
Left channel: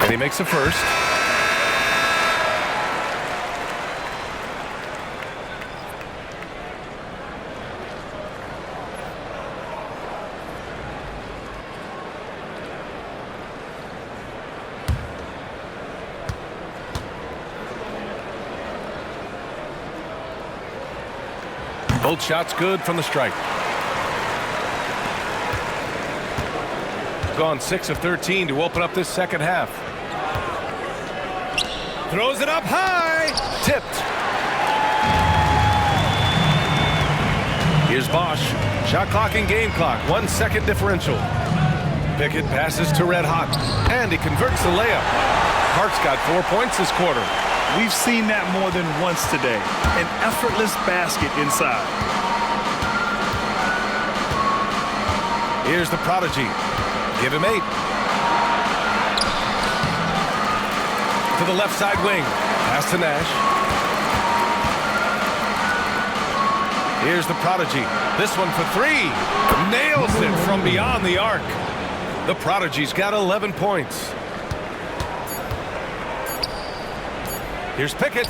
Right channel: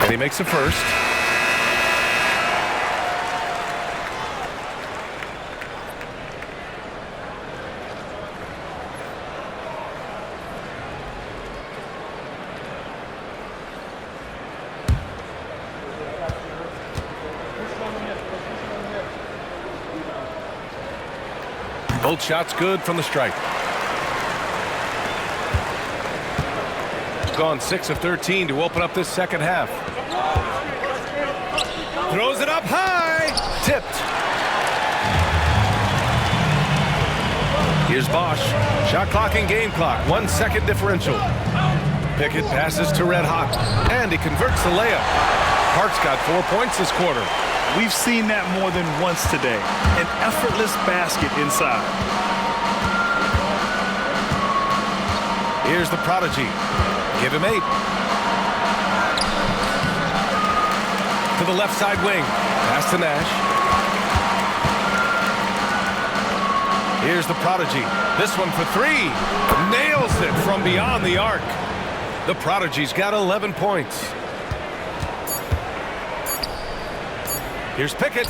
And he makes a first. Both shots good from the stripe. Gone 6 of 13 to open up this second half. Throws it up high. Tipped. Here's Bosch. Shot clock and game clock. 1 second differential. Pickett passes to Red Hot. And he converts the layup. Parks got 4 points this quarter. We've seen that more than once today. An effortless basket inside. Here's the prodigy. Give him 8. To the left side wing. Pass to Nash. Here's the prodigy. This one for 3. Nails it from beyond the arc. The prodigy's got 11 points. Here's Pickett.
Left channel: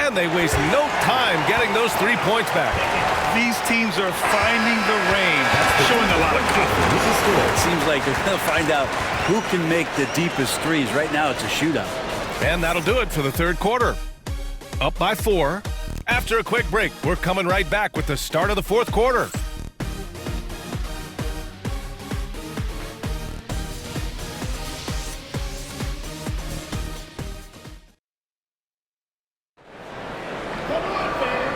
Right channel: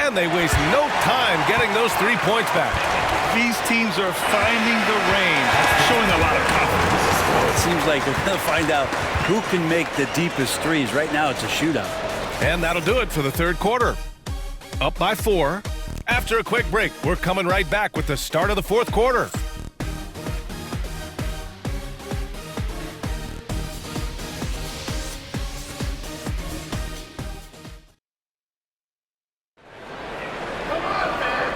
And they waste no time getting those 3 points back. These teams are finding the range, showing a lot of confidence. It seems like they're going to find out who can make the deepest threes. Right now, it's a shootout. And that'll do it for the third quarter. Up by 4. After a quick break, we're coming right back with the start of the fourth quarter.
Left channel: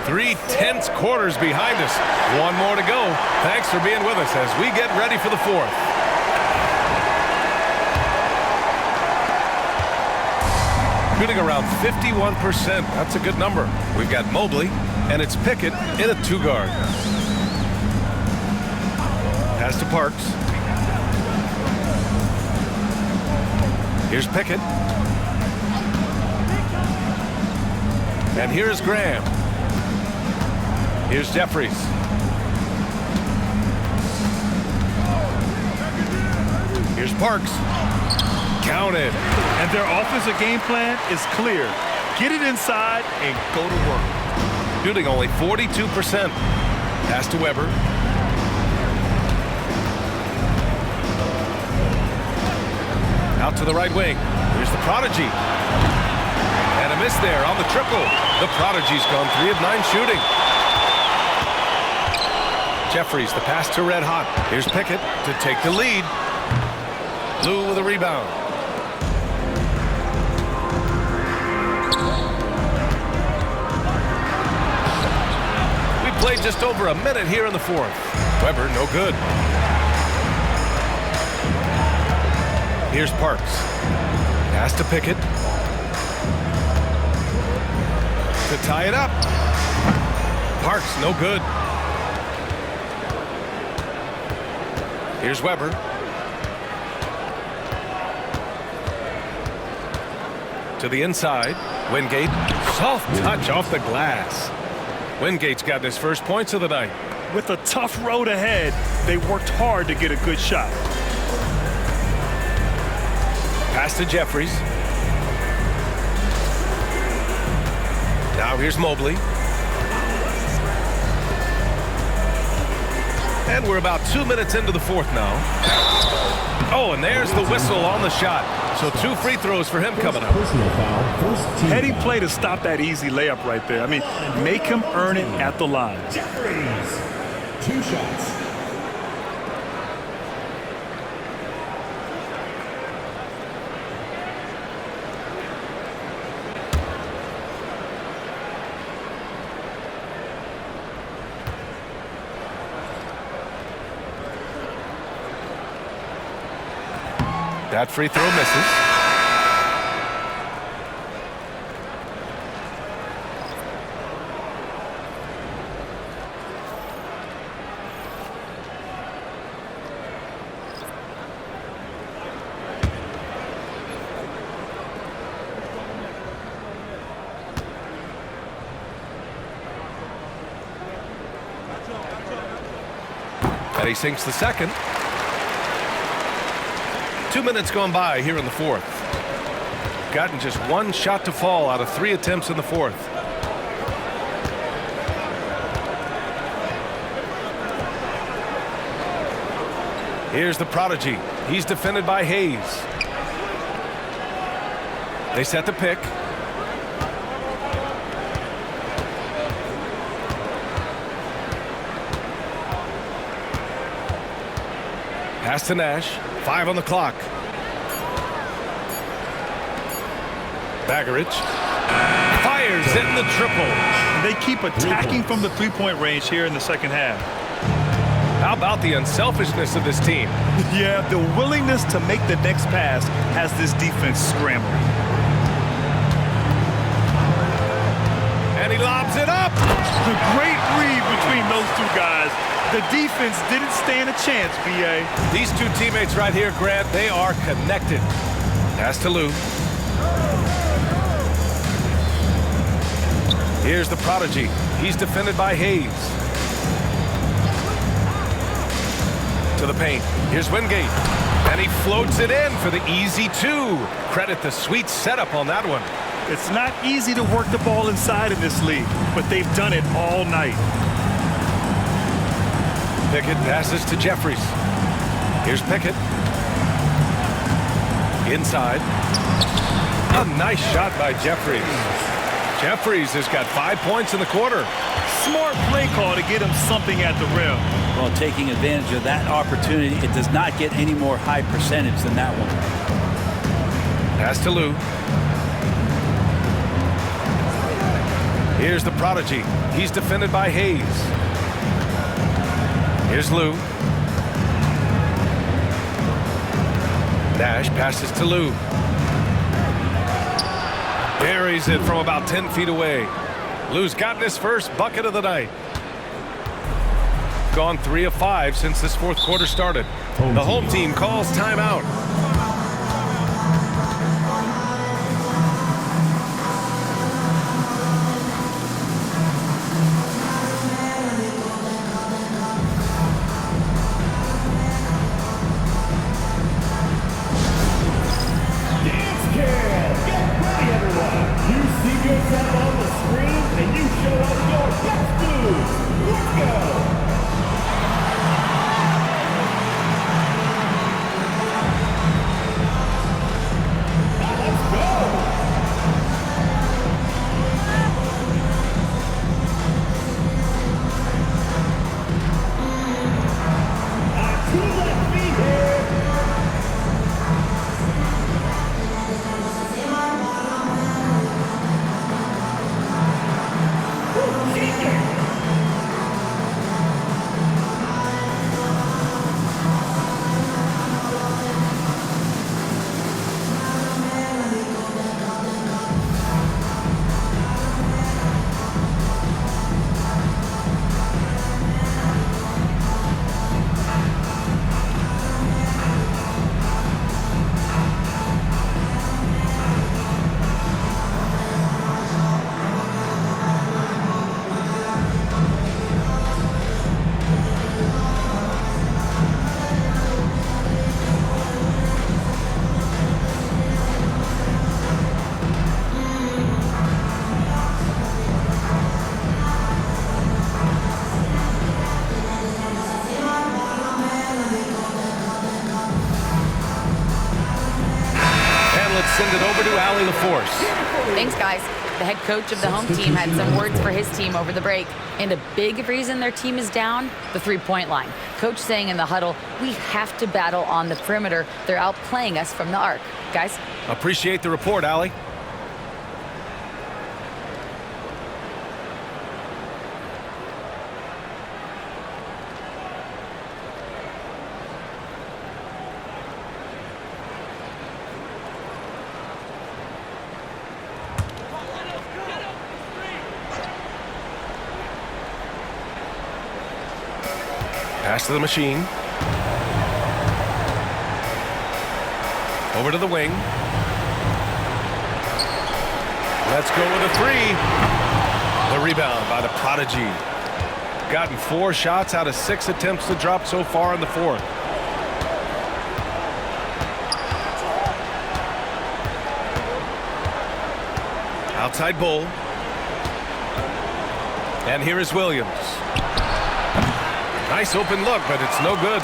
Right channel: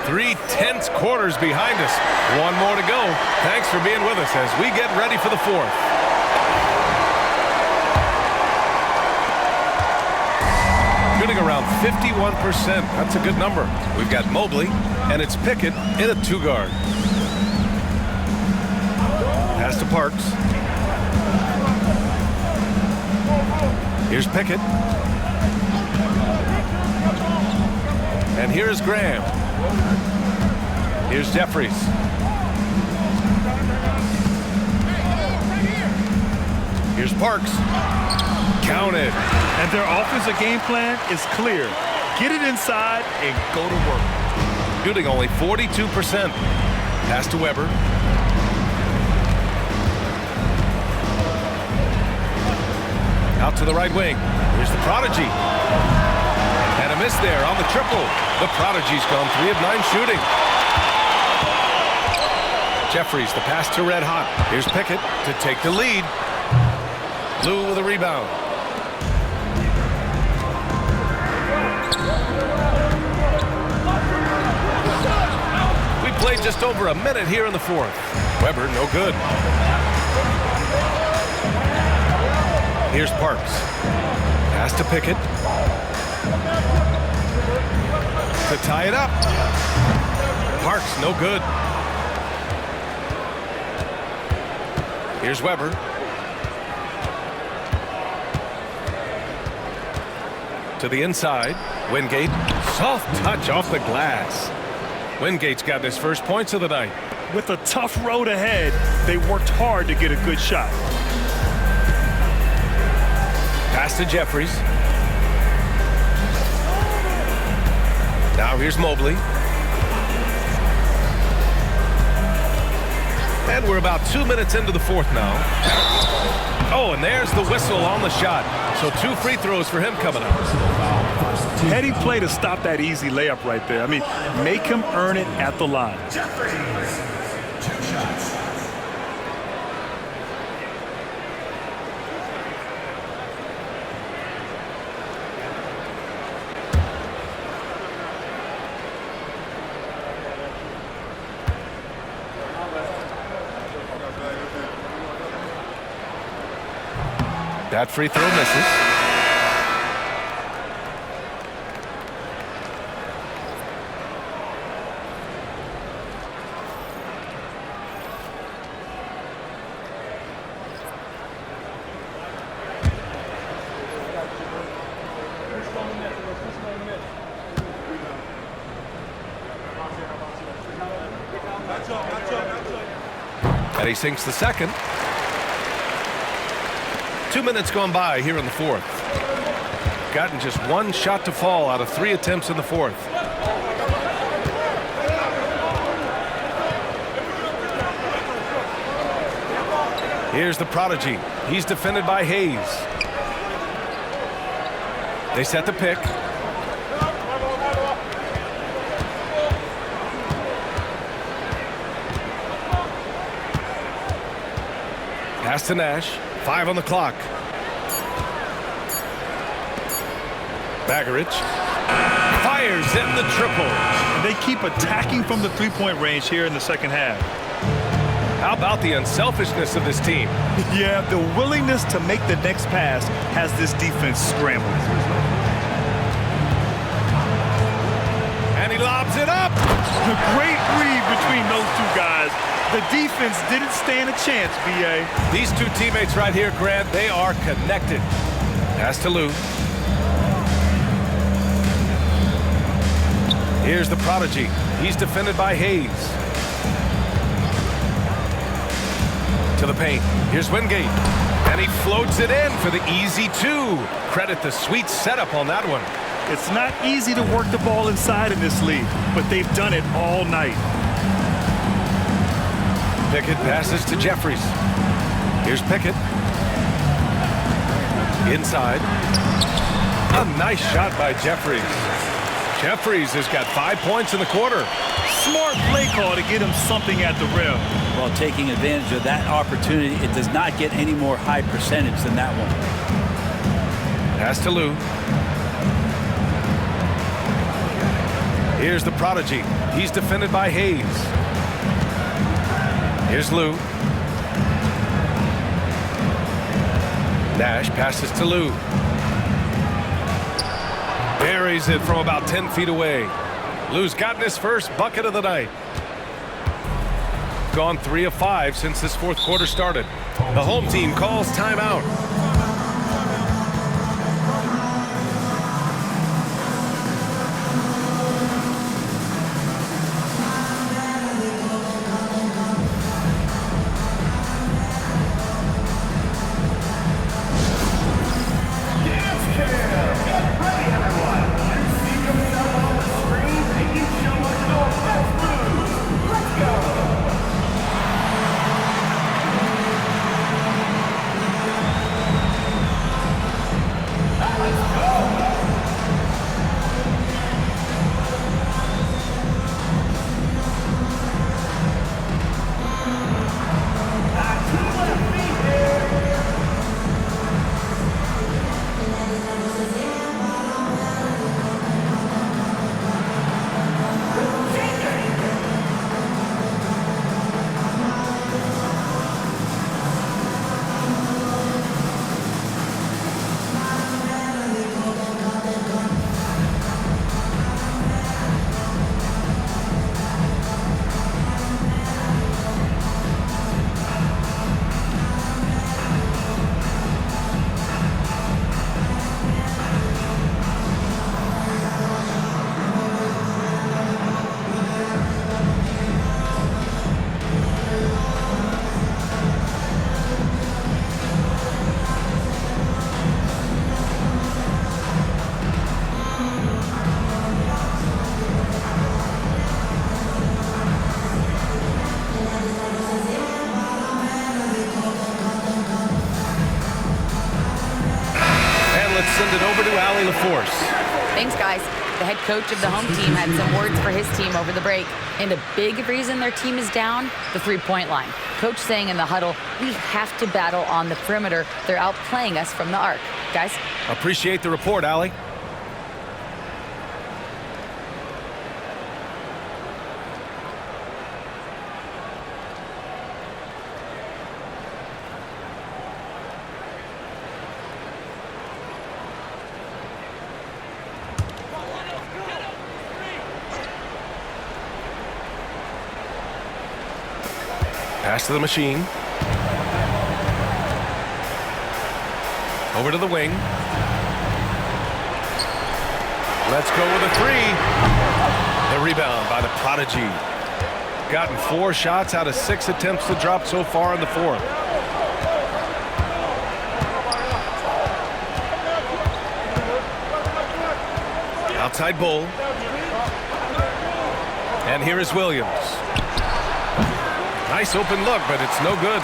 Three tense quarters behind us. One more to go. Thanks for being with us as we get ready for the fourth. Shooting around 51%. That's a good number. We've got Mobley, and it's Pickett in a 2-guard. Pass to Parks. Here's Pickett. And here's Graham. Here's Jeffries. Here's Parks. Counted. And their offensive game plan is clear. Get it inside and go to work. Shooting only 42%. Pass to Weber. Out to the right wing. Here's the prodigy. And a miss there on the triple. The prodigy's gone 3 of 9 shooting. Jeffries, the pass to Red Hot. Here's Pickett to take the lead. Lou with a rebound. We played just over a minute here in the fourth. Weber, no good. Here's Parks. Pass to Pickett. To tie it up. Parks, no good. Here's Weber. To the inside. Wingate. Soft touch off the glass. Wingate's got his first points of the night. With a tough road ahead, they worked hard to get a good shot. Pass to Jeffries. Now here's Mobley. And we're about 2 minutes into the fourth now. Oh, and there's the whistle on the shot. So 2 free throws for him coming up. Heady play to stop that easy layup right there. I mean, make him earn it at the line. Jeffries, 2 shots. That free throw misses. And he sinks the second. 2 minutes gone by here in the fourth. Gotten just one shot to fall out of 3 attempts in the fourth. Here's the prodigy. He's defended by Hayes. They set the pick. Pass to Nash. 5 on the clock. Baggerich fires in the triple. And they keep attacking from the three-point range here in the second half. How about the unselfishness of this team? Yeah, the willingness to make the next pass has this defense scrambled. And he lobs it up. The great read between those two guys. The defense didn't stand a chance, B.A. These two teammates right here, Grant, they are connected. Pass to Lou. Here's the prodigy. He's defended by Hayes. To the paint. Here's Wingate. And he floats it in for the easy 2. Credit the sweet setup on that one. It's not easy to work the ball inside in this league, but they've done it all night. Pickett passes to Jeffries. Here's Pickett. Inside. A nice shot by Jeffries. Jeffries has got 5 points in the quarter. Smart play call to get him something at the rim. Well, taking advantage of that opportunity, it does not get any more high percentage than that one. Pass to Lou. Here's the prodigy. He's defended by Hayes. Here's Lou. Nash passes to Lou. Buries it from about 10 feet away. Lou's gotten his first bucket of the night. Gone 3 of 5 since this fourth quarter started. The home team calls timeout. Let's send it over to Allie LaForce. Thanks, guys. The head coach of the home team had some words for his team over the break. And a big reason their team is down, the three-point line. Coach saying in the huddle, we have to battle on the perimeter. They're outplaying us from the arc. Guys? Appreciate the report, Allie. Pass to the machine. Over to the wing. Let's go with a three. The rebound by the prodigy. Gotten 4 shots out of 6 attempts to drop so far in the fourth. Outside Bull. And here is Williams. Nice open look, but it's no good.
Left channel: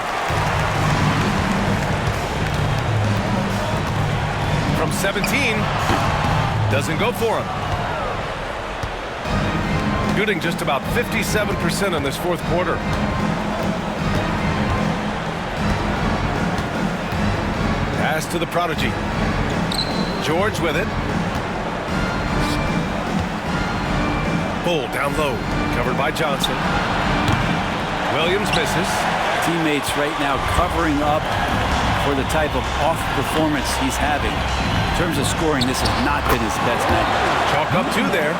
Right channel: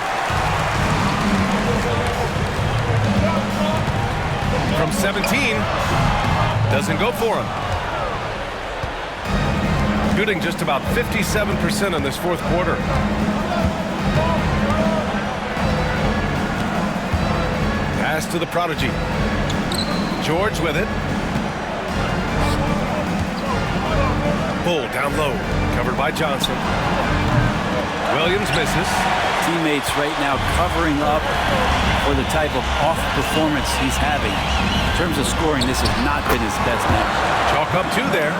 From 17. Doesn't go for him. Shooting just about 57% in this fourth quarter. Pass to the prodigy. George with it. Bull down low. Covered by Johnson. Williams misses. Teammates right now covering up for the type of off performance he's having. In terms of scoring, this has not been his best night. Chalk up 2 there.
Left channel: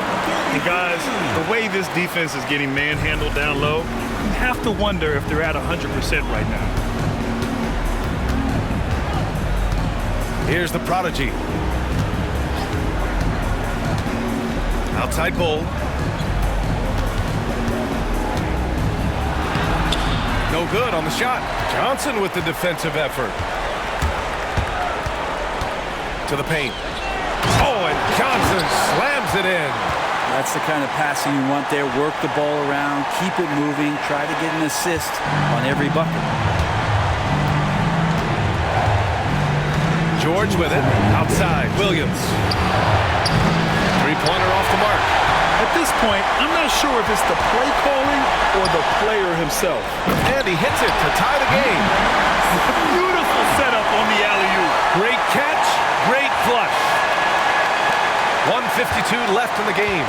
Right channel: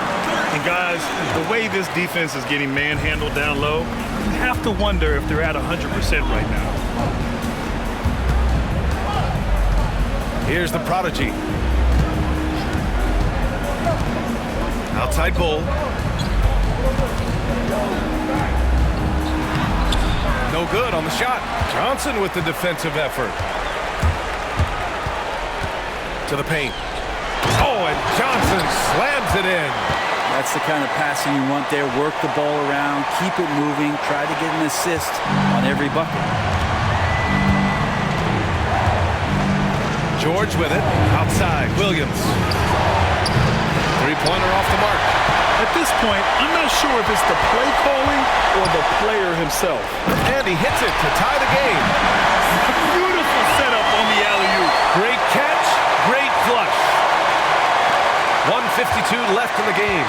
And guys, the way this defense is getting manhandled down low, you have to wonder if they're at 100% right now. Here's the prodigy. Outside Bull. No good on the shot. Johnson with the defensive effort. To the paint. Oh, and Johnson slams it in. That's the kind of passing you want there. Work the ball around, keep it moving, try to get an assist on every bucket. George with it. Outside. Williams. Three-pointer off the mark. At this point, I'm not sure if it's the play calling or the player himself. And he hits it to tie the game. Beautiful setup on the alley-oop. Great catch, great flush. 1:52 left in the game.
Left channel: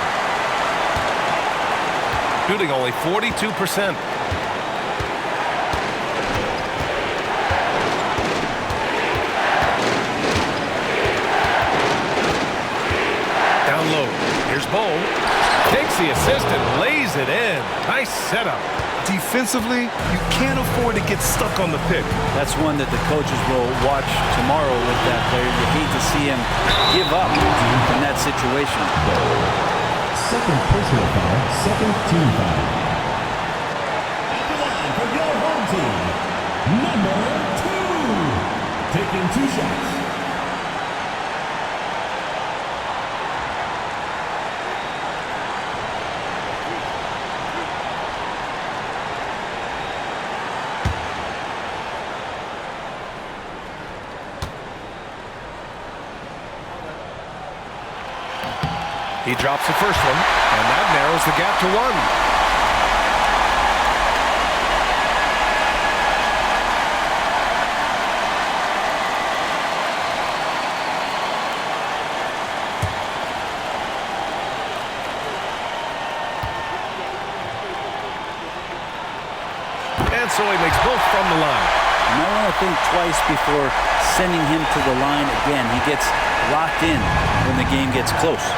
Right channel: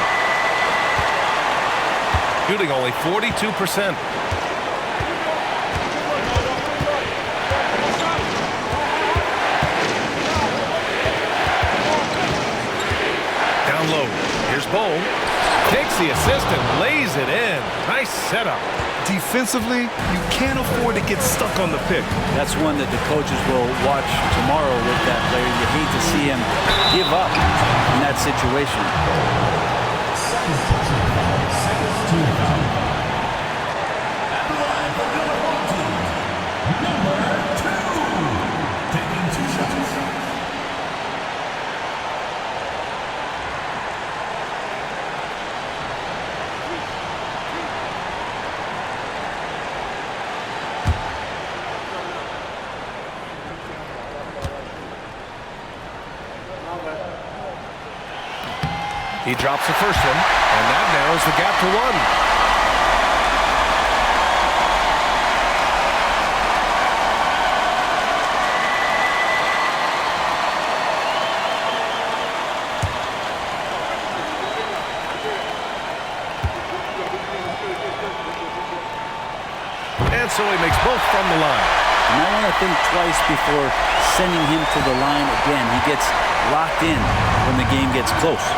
Shooting only 42%. Down low. Here's Bull. Takes the assist and lays it in. Nice setup. Defensively, you can't afford to get stuck on the pick. That's one that the coaches will watch tomorrow with that player. You hate to see him give up in that situation. Second personal foul, second team foul. At the line for your home team, number 2. Taking 2 shots. He drops the first one, and that narrows the gap to 1. And so he makes both from the line. You might want to think twice before sending him to the line again. He gets locked in when the game gets close.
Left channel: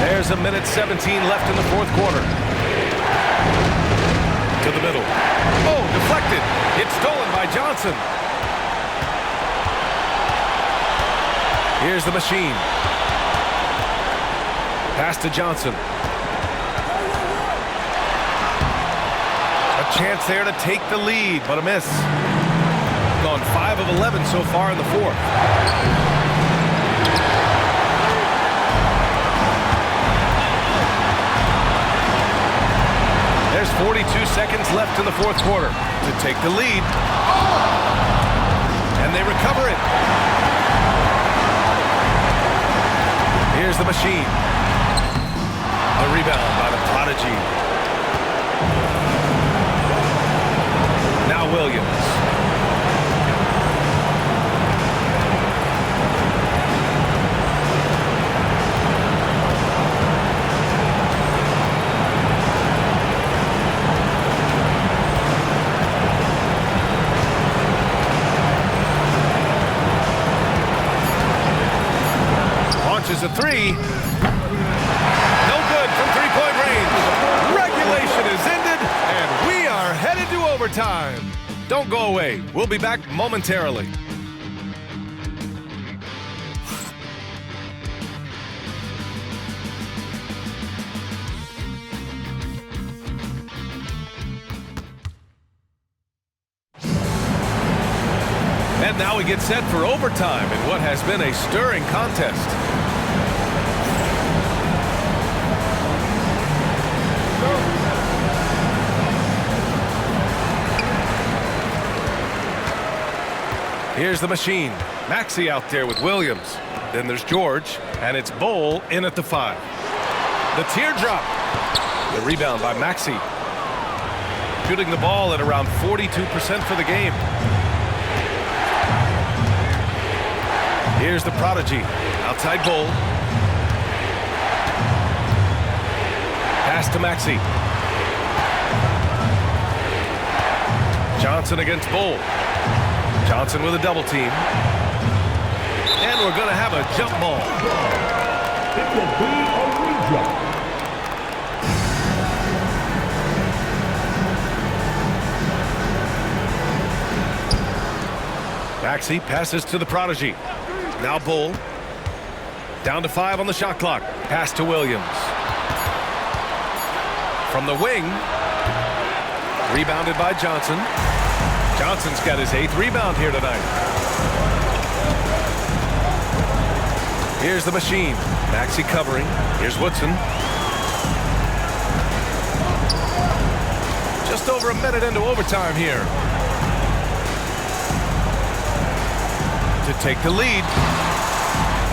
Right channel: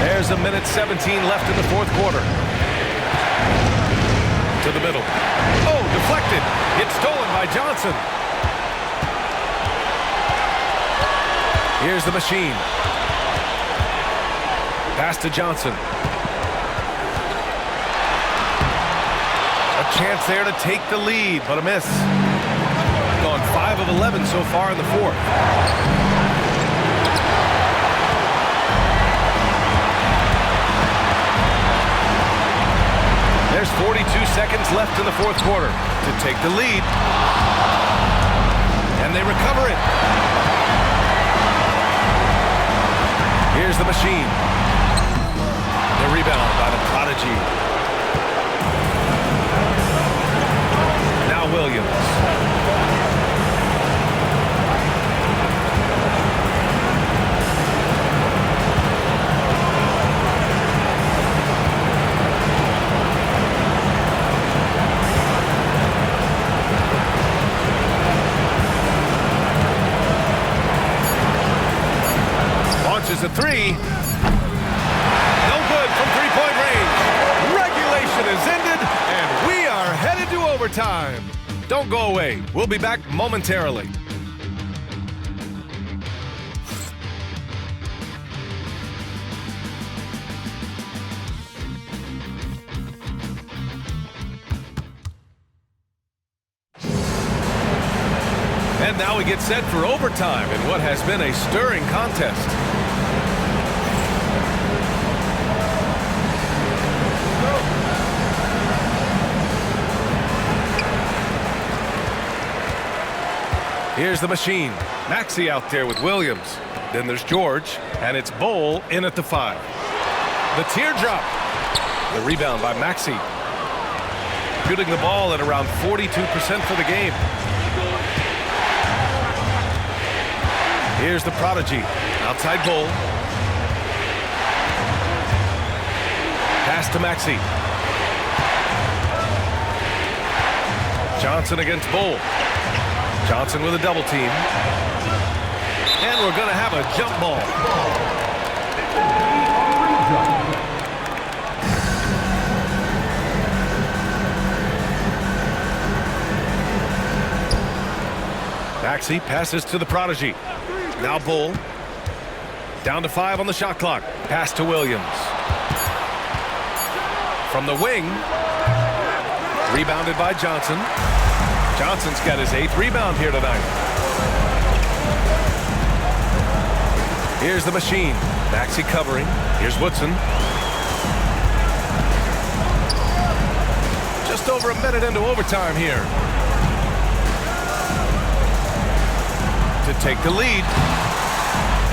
There's 1:17 left in the fourth quarter. To the middle. Oh, deflected. It's stolen by Johnson. Here's the machine. Pass to Johnson. A chance there to take the lead, but a miss. Gone 5 of 11 so far in the fourth. There's 42 seconds left in the fourth quarter to take the lead. And they recover it. Here's the machine. The rebound by the prodigy. Now Williams. Launches a three. No good from three-point range. overtime. Don't go away. We'll be back momentarily. And now we get set for overtime in what has been a stirring contest. Here's the machine. Maxey out there with Williams. Then there's George, and it's Bowl in at the 5. The teardrop. The rebound by Maxey. Shooting the ball at around 42% for the game. Here's the prodigy. Outside Bowl. Pass to Maxey. Johnson against Bowl. Johnson with a double team. And we're going to have a jump ball. It will be a redrop. Maxey passes to the prodigy. Now Bowl. Down to 5 on the shot clock. Pass to Williams. From the wing. Rebounded by Johnson. Johnson's got his 8th rebound here tonight. Here's the machine. Maxey covering. Here's Woodson. Just over a minute into overtime here. To take the lead.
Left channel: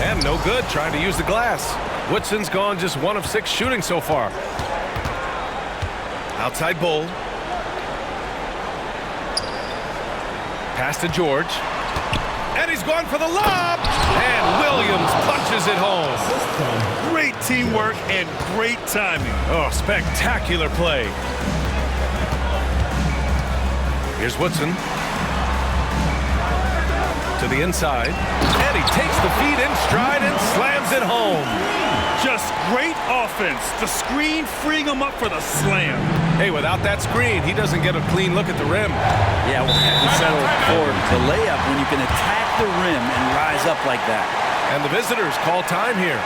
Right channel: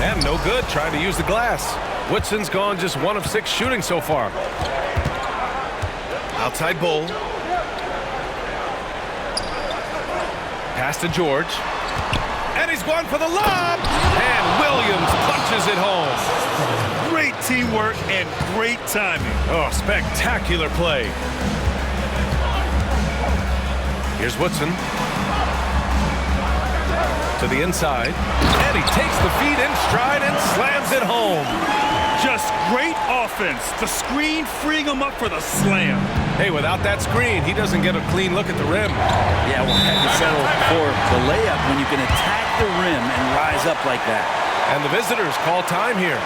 And no good trying to use the glass. Woodson's gone just 1 of 6 shooting so far. Outside Bowl. Pass to George. And he's gone for the lob. And Williams punches it home. Great teamwork and great timing. Oh, spectacular play. Here's Woodson. To the inside. And he takes the feed in stride and slams it home. Just great offense. The screen freeing him up for the slam. Hey, without that screen, he doesn't get a clean look at the rim. Yeah, we'll have to settle for the layup when you can attack the rim and rise up like that. And the visitors call time here.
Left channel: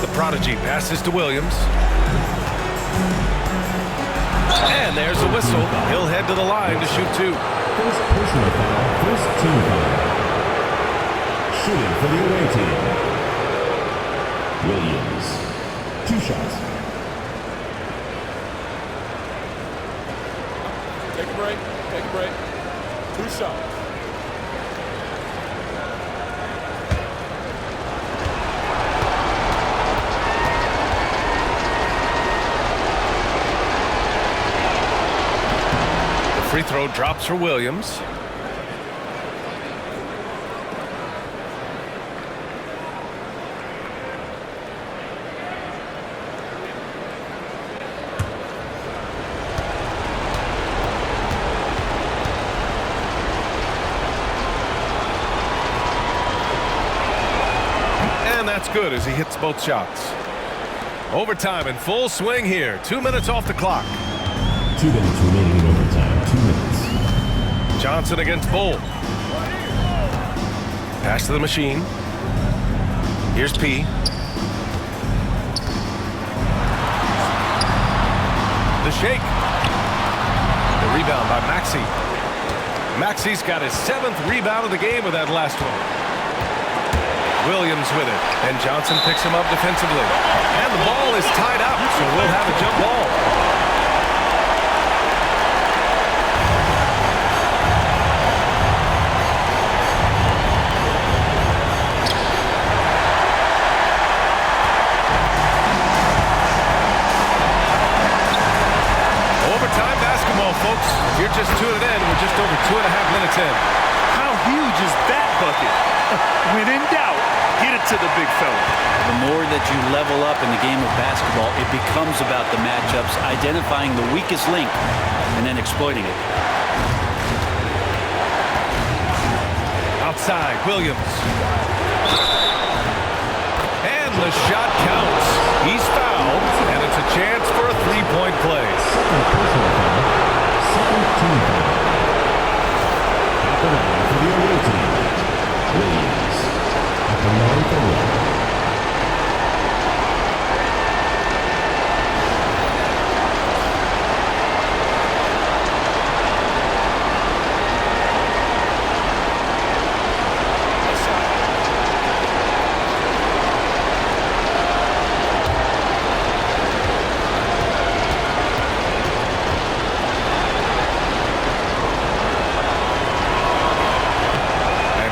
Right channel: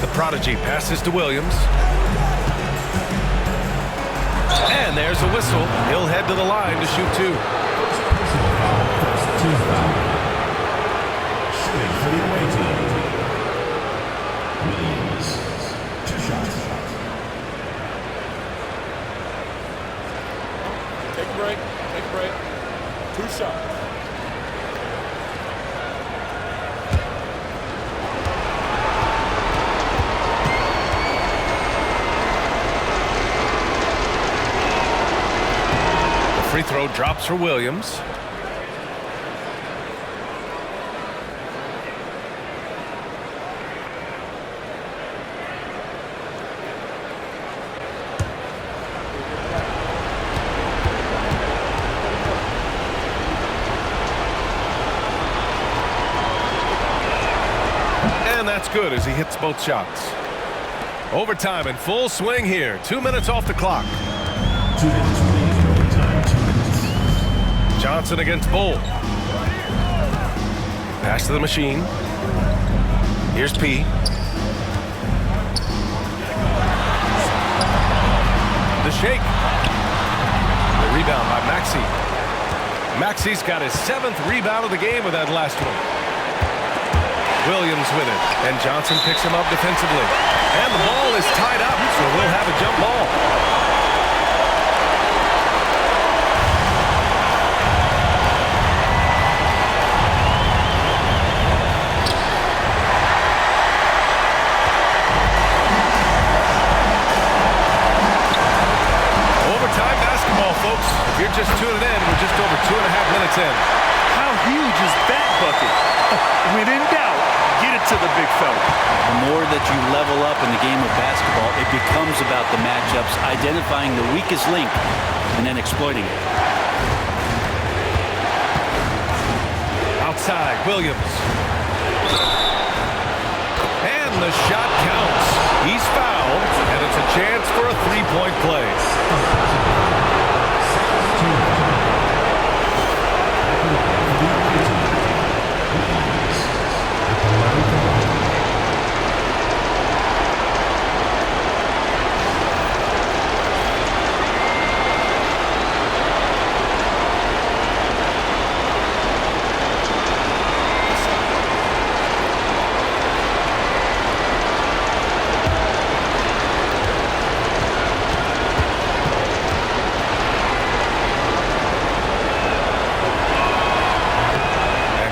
The prodigy passes to Williams. And there's a whistle. He'll head to the line to shoot 2. First personal foul, first team foul. Shooting for the away team. Williams. 2 shots. Take a break. Take a break. 2 shots. The free throw drops for Williams. And that's good as he hits both shots. Overtime in full swing here. 2 minutes off the clock. 2 minutes remaining in overtime. 2 minutes. Johnson against Bull. Pass to the machine. Here's P. The shake. The rebound by Maxey. Maxey's got his 7th rebound of the game with that last one. Williams with it, and Johnson picks him up defensively. And the ball is tied up, so we'll have a jump ball. Overtime basketball, folks. If you're just tuning in, we're just over 2.5 minutes in. How huge is that bucket? When in doubt, get it to the big fella. The more that you level up in the game of basketball, it becomes about the matchups, identifying the weakest link, and then exploiting it. Outside, Williams. And the shot counts. He's fouled, and it's a chance for a three-point play. Second personal foul. Second team foul. At the line for the away team. Williams. At the line for one.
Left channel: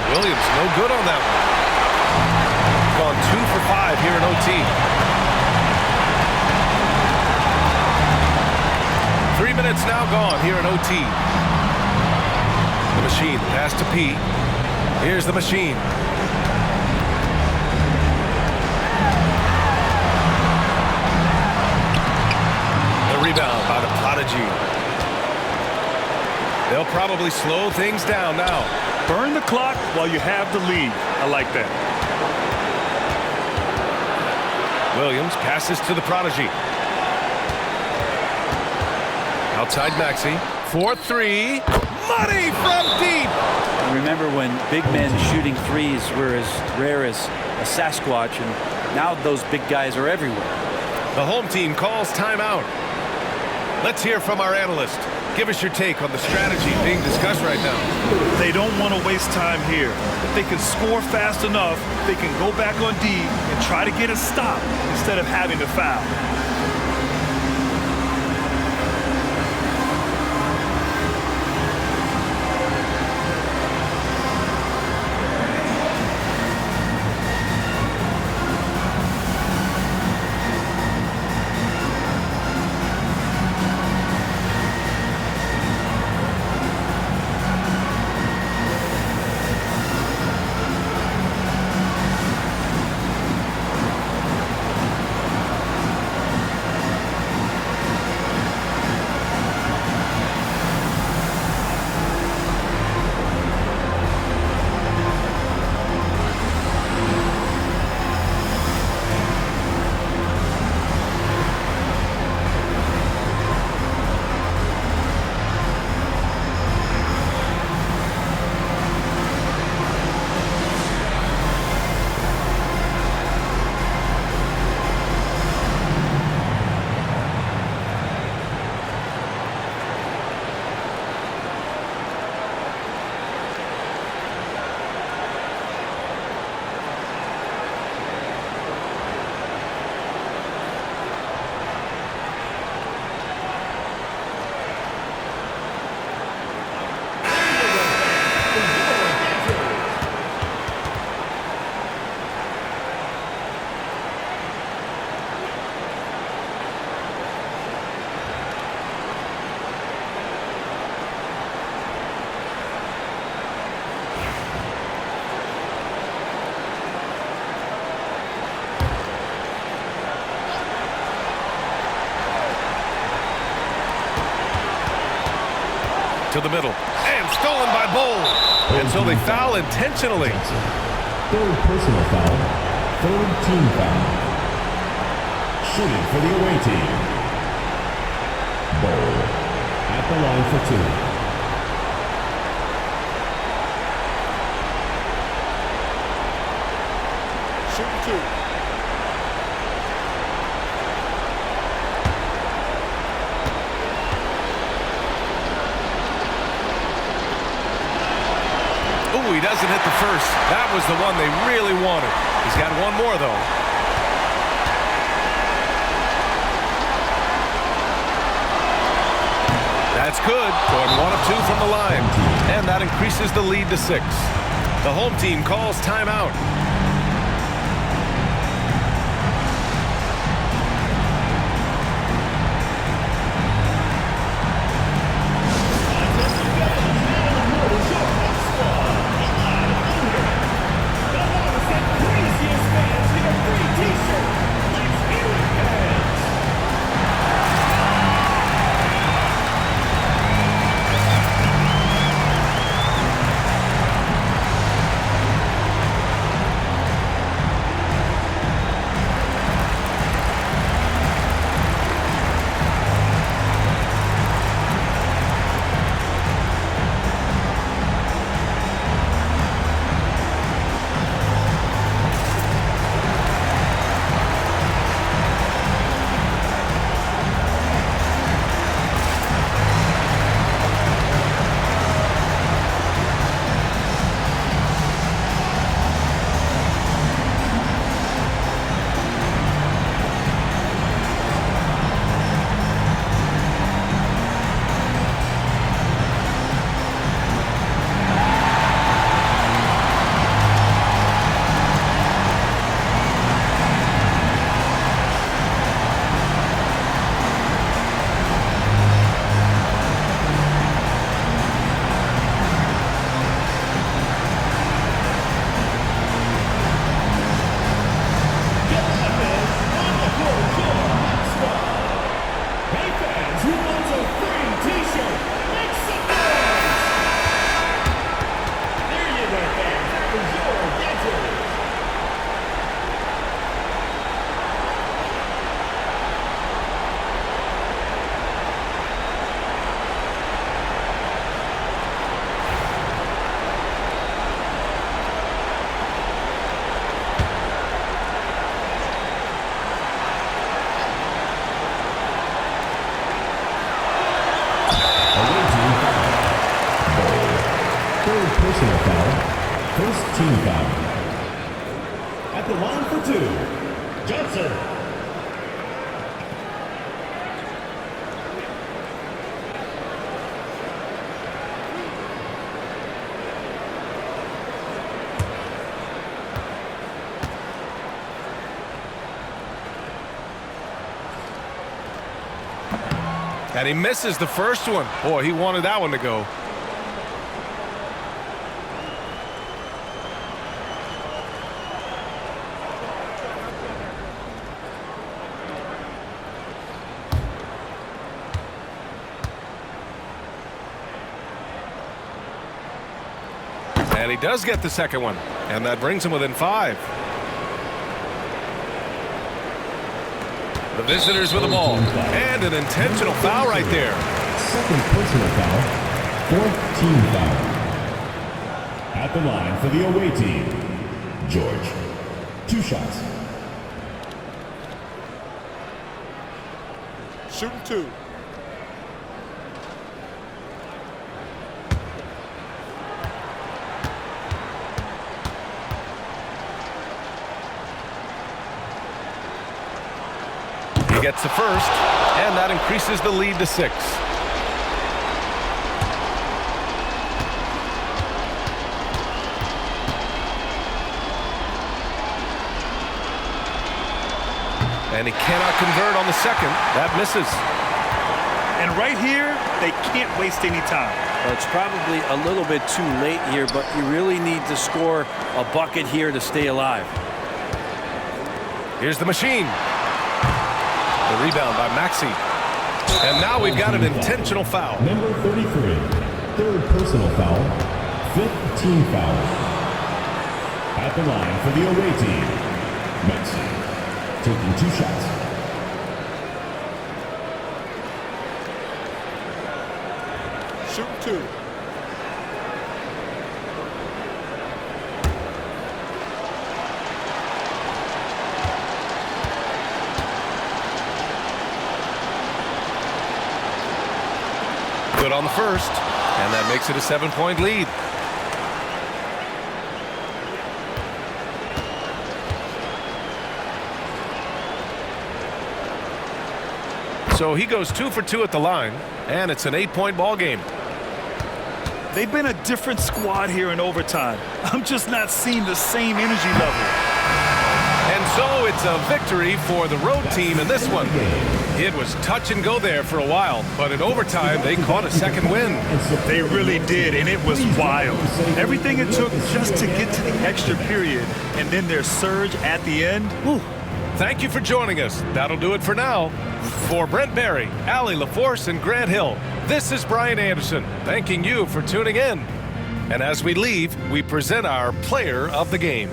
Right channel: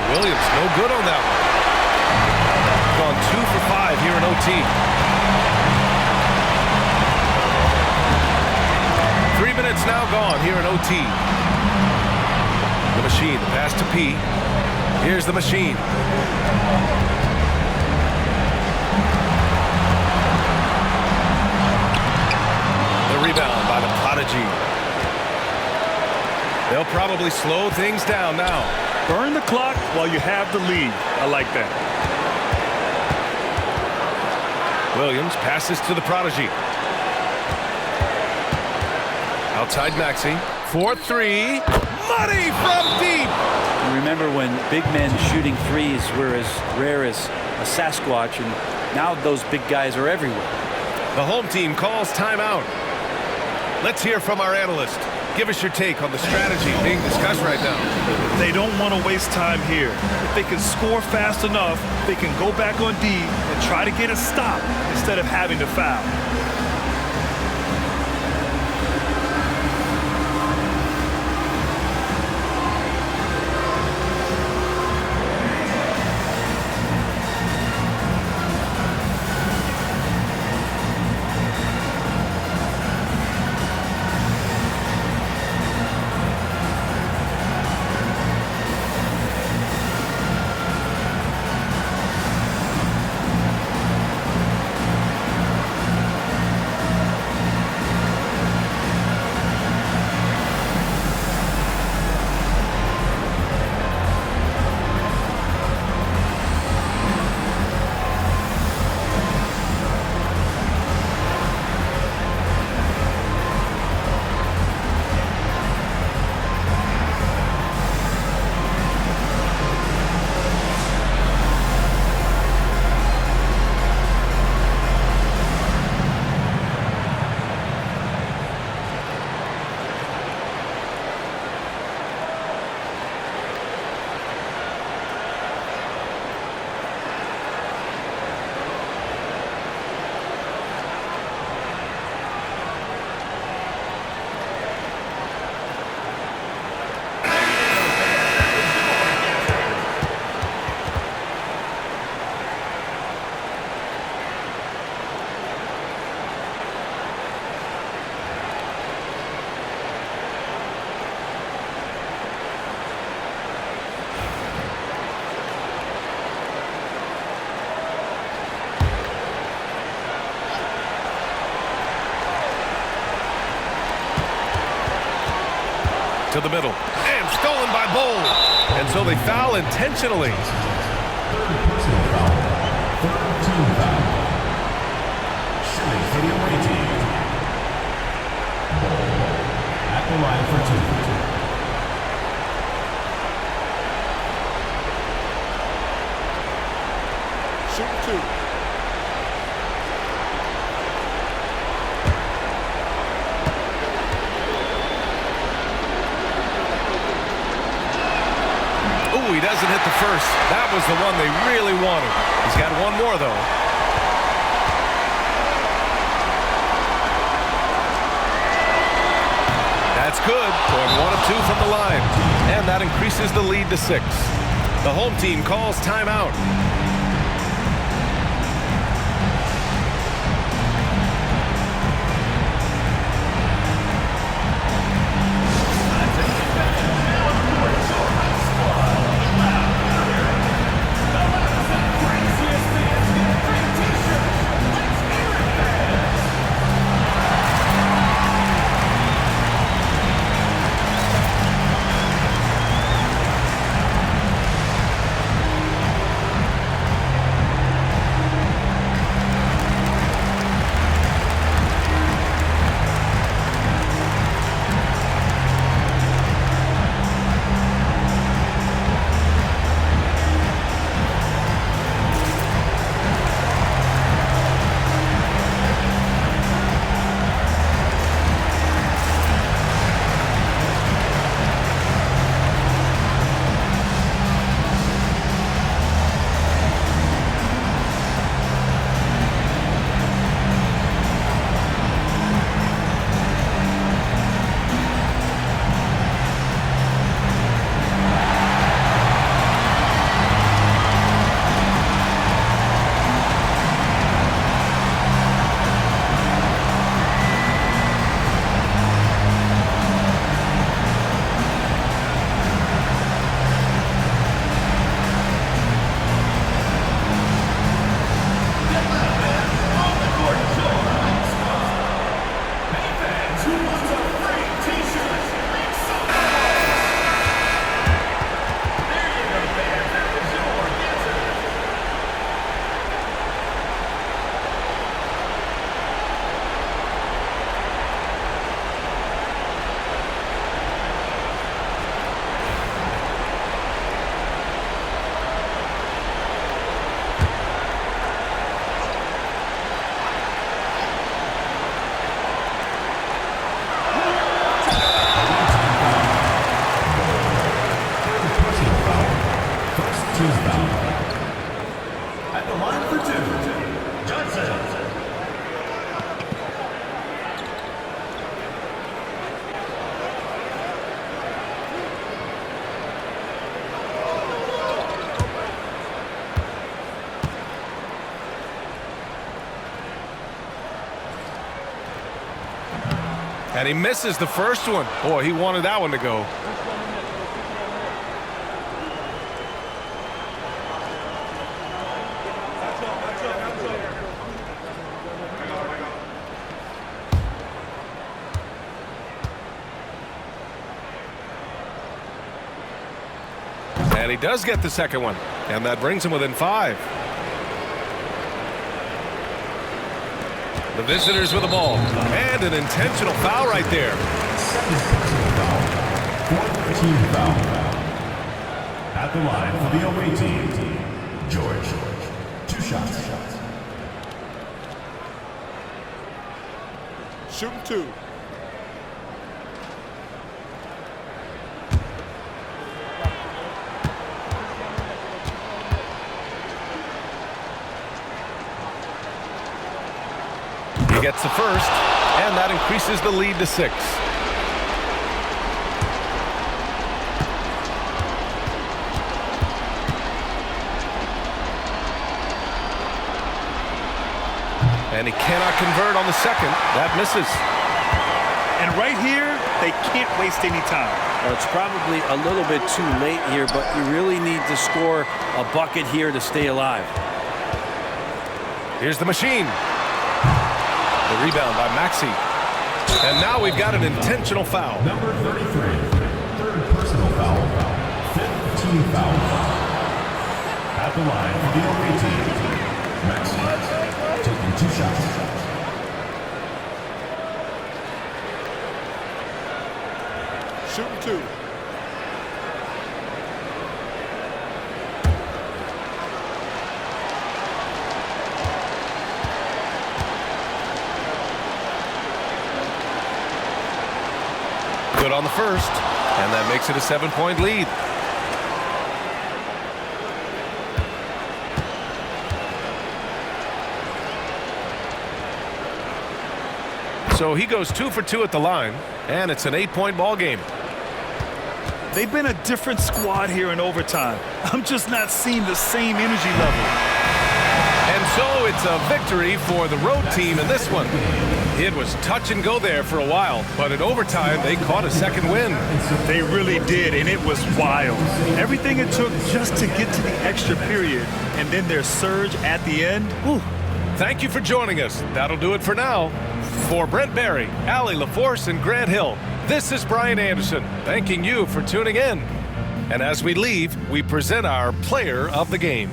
Williams, no good on that one. Gone 2 for 5 here in OT. 3 minutes now gone here in OT. The machine, the pass to P. Here's the machine. The rebound by the Prodigy. They'll probably slow things down now. Burn the clock while you have the lead. I like that. Williams passes to the Prodigy. Outside Maxey. 4-3. Money from deep. Remember when big men shooting threes were as rare as a Sasquatch, and now those big guys are everywhere. The home team calls timeout. Let's hear from our analyst. Give us your take on the strategy being discussed right now. They don't want to waste time here. If they can score fast enough, they can go back on D and try to get a stop instead of having to foul. to the middle. And stolen by Bull. And so they foul intentionally. Third personal foul. Third team foul. Shooting for the away team. Bull at the line for 2. Shooting 2. Ooh, he doesn't hit the first. That was the one they really wanted. He's got one more, though. That's good. Going 1 of 2 from the line. And that increases the lead to 6. The home team calls timeout. Team foul. At the line for 2, Johnson. And he misses the first one. Boy, he wanted that one to go. And he does get the second one, and that brings him within 5. The visitors with the ball, and an intentional foul right there. Second personal foul, 4th team foul. At the line for the away team, George. 2 shots. Shooting 2. He gets the first, and that increases the lead to 6. And he cannot convert on the second. That misses. And right here, they can't waste any time. Well, it's probably a little bit too late here, but you really need to score a bucket here to stay alive. Here's the machine. The rebound by Maxey. And now we've got an intentional foul. Number 33, third personal foul, fifth team foul. At the line for the away team, Maxi taking 2 shots. Shooting 2. Good on the first, and that makes it a 7-point lead. So he goes 2 for 2 at the line, and it's an 8-point ball game. They've been a different squad here in overtime. I'm just not seeing the same energy level. And so it's a victory for the road team in this one. It was touch and go there for a while, but in overtime they caught a second win. They really did, and it was wild. Everything it took just to get to the extra period, and then their surge at the end. Whew. Thank you for joining us. That'll do it for now. For Brent Barry, Allie LaForce, and Grant Hill, this is Brian Anderson, thanking you for tuning in. And as we leave, we present our player of the game.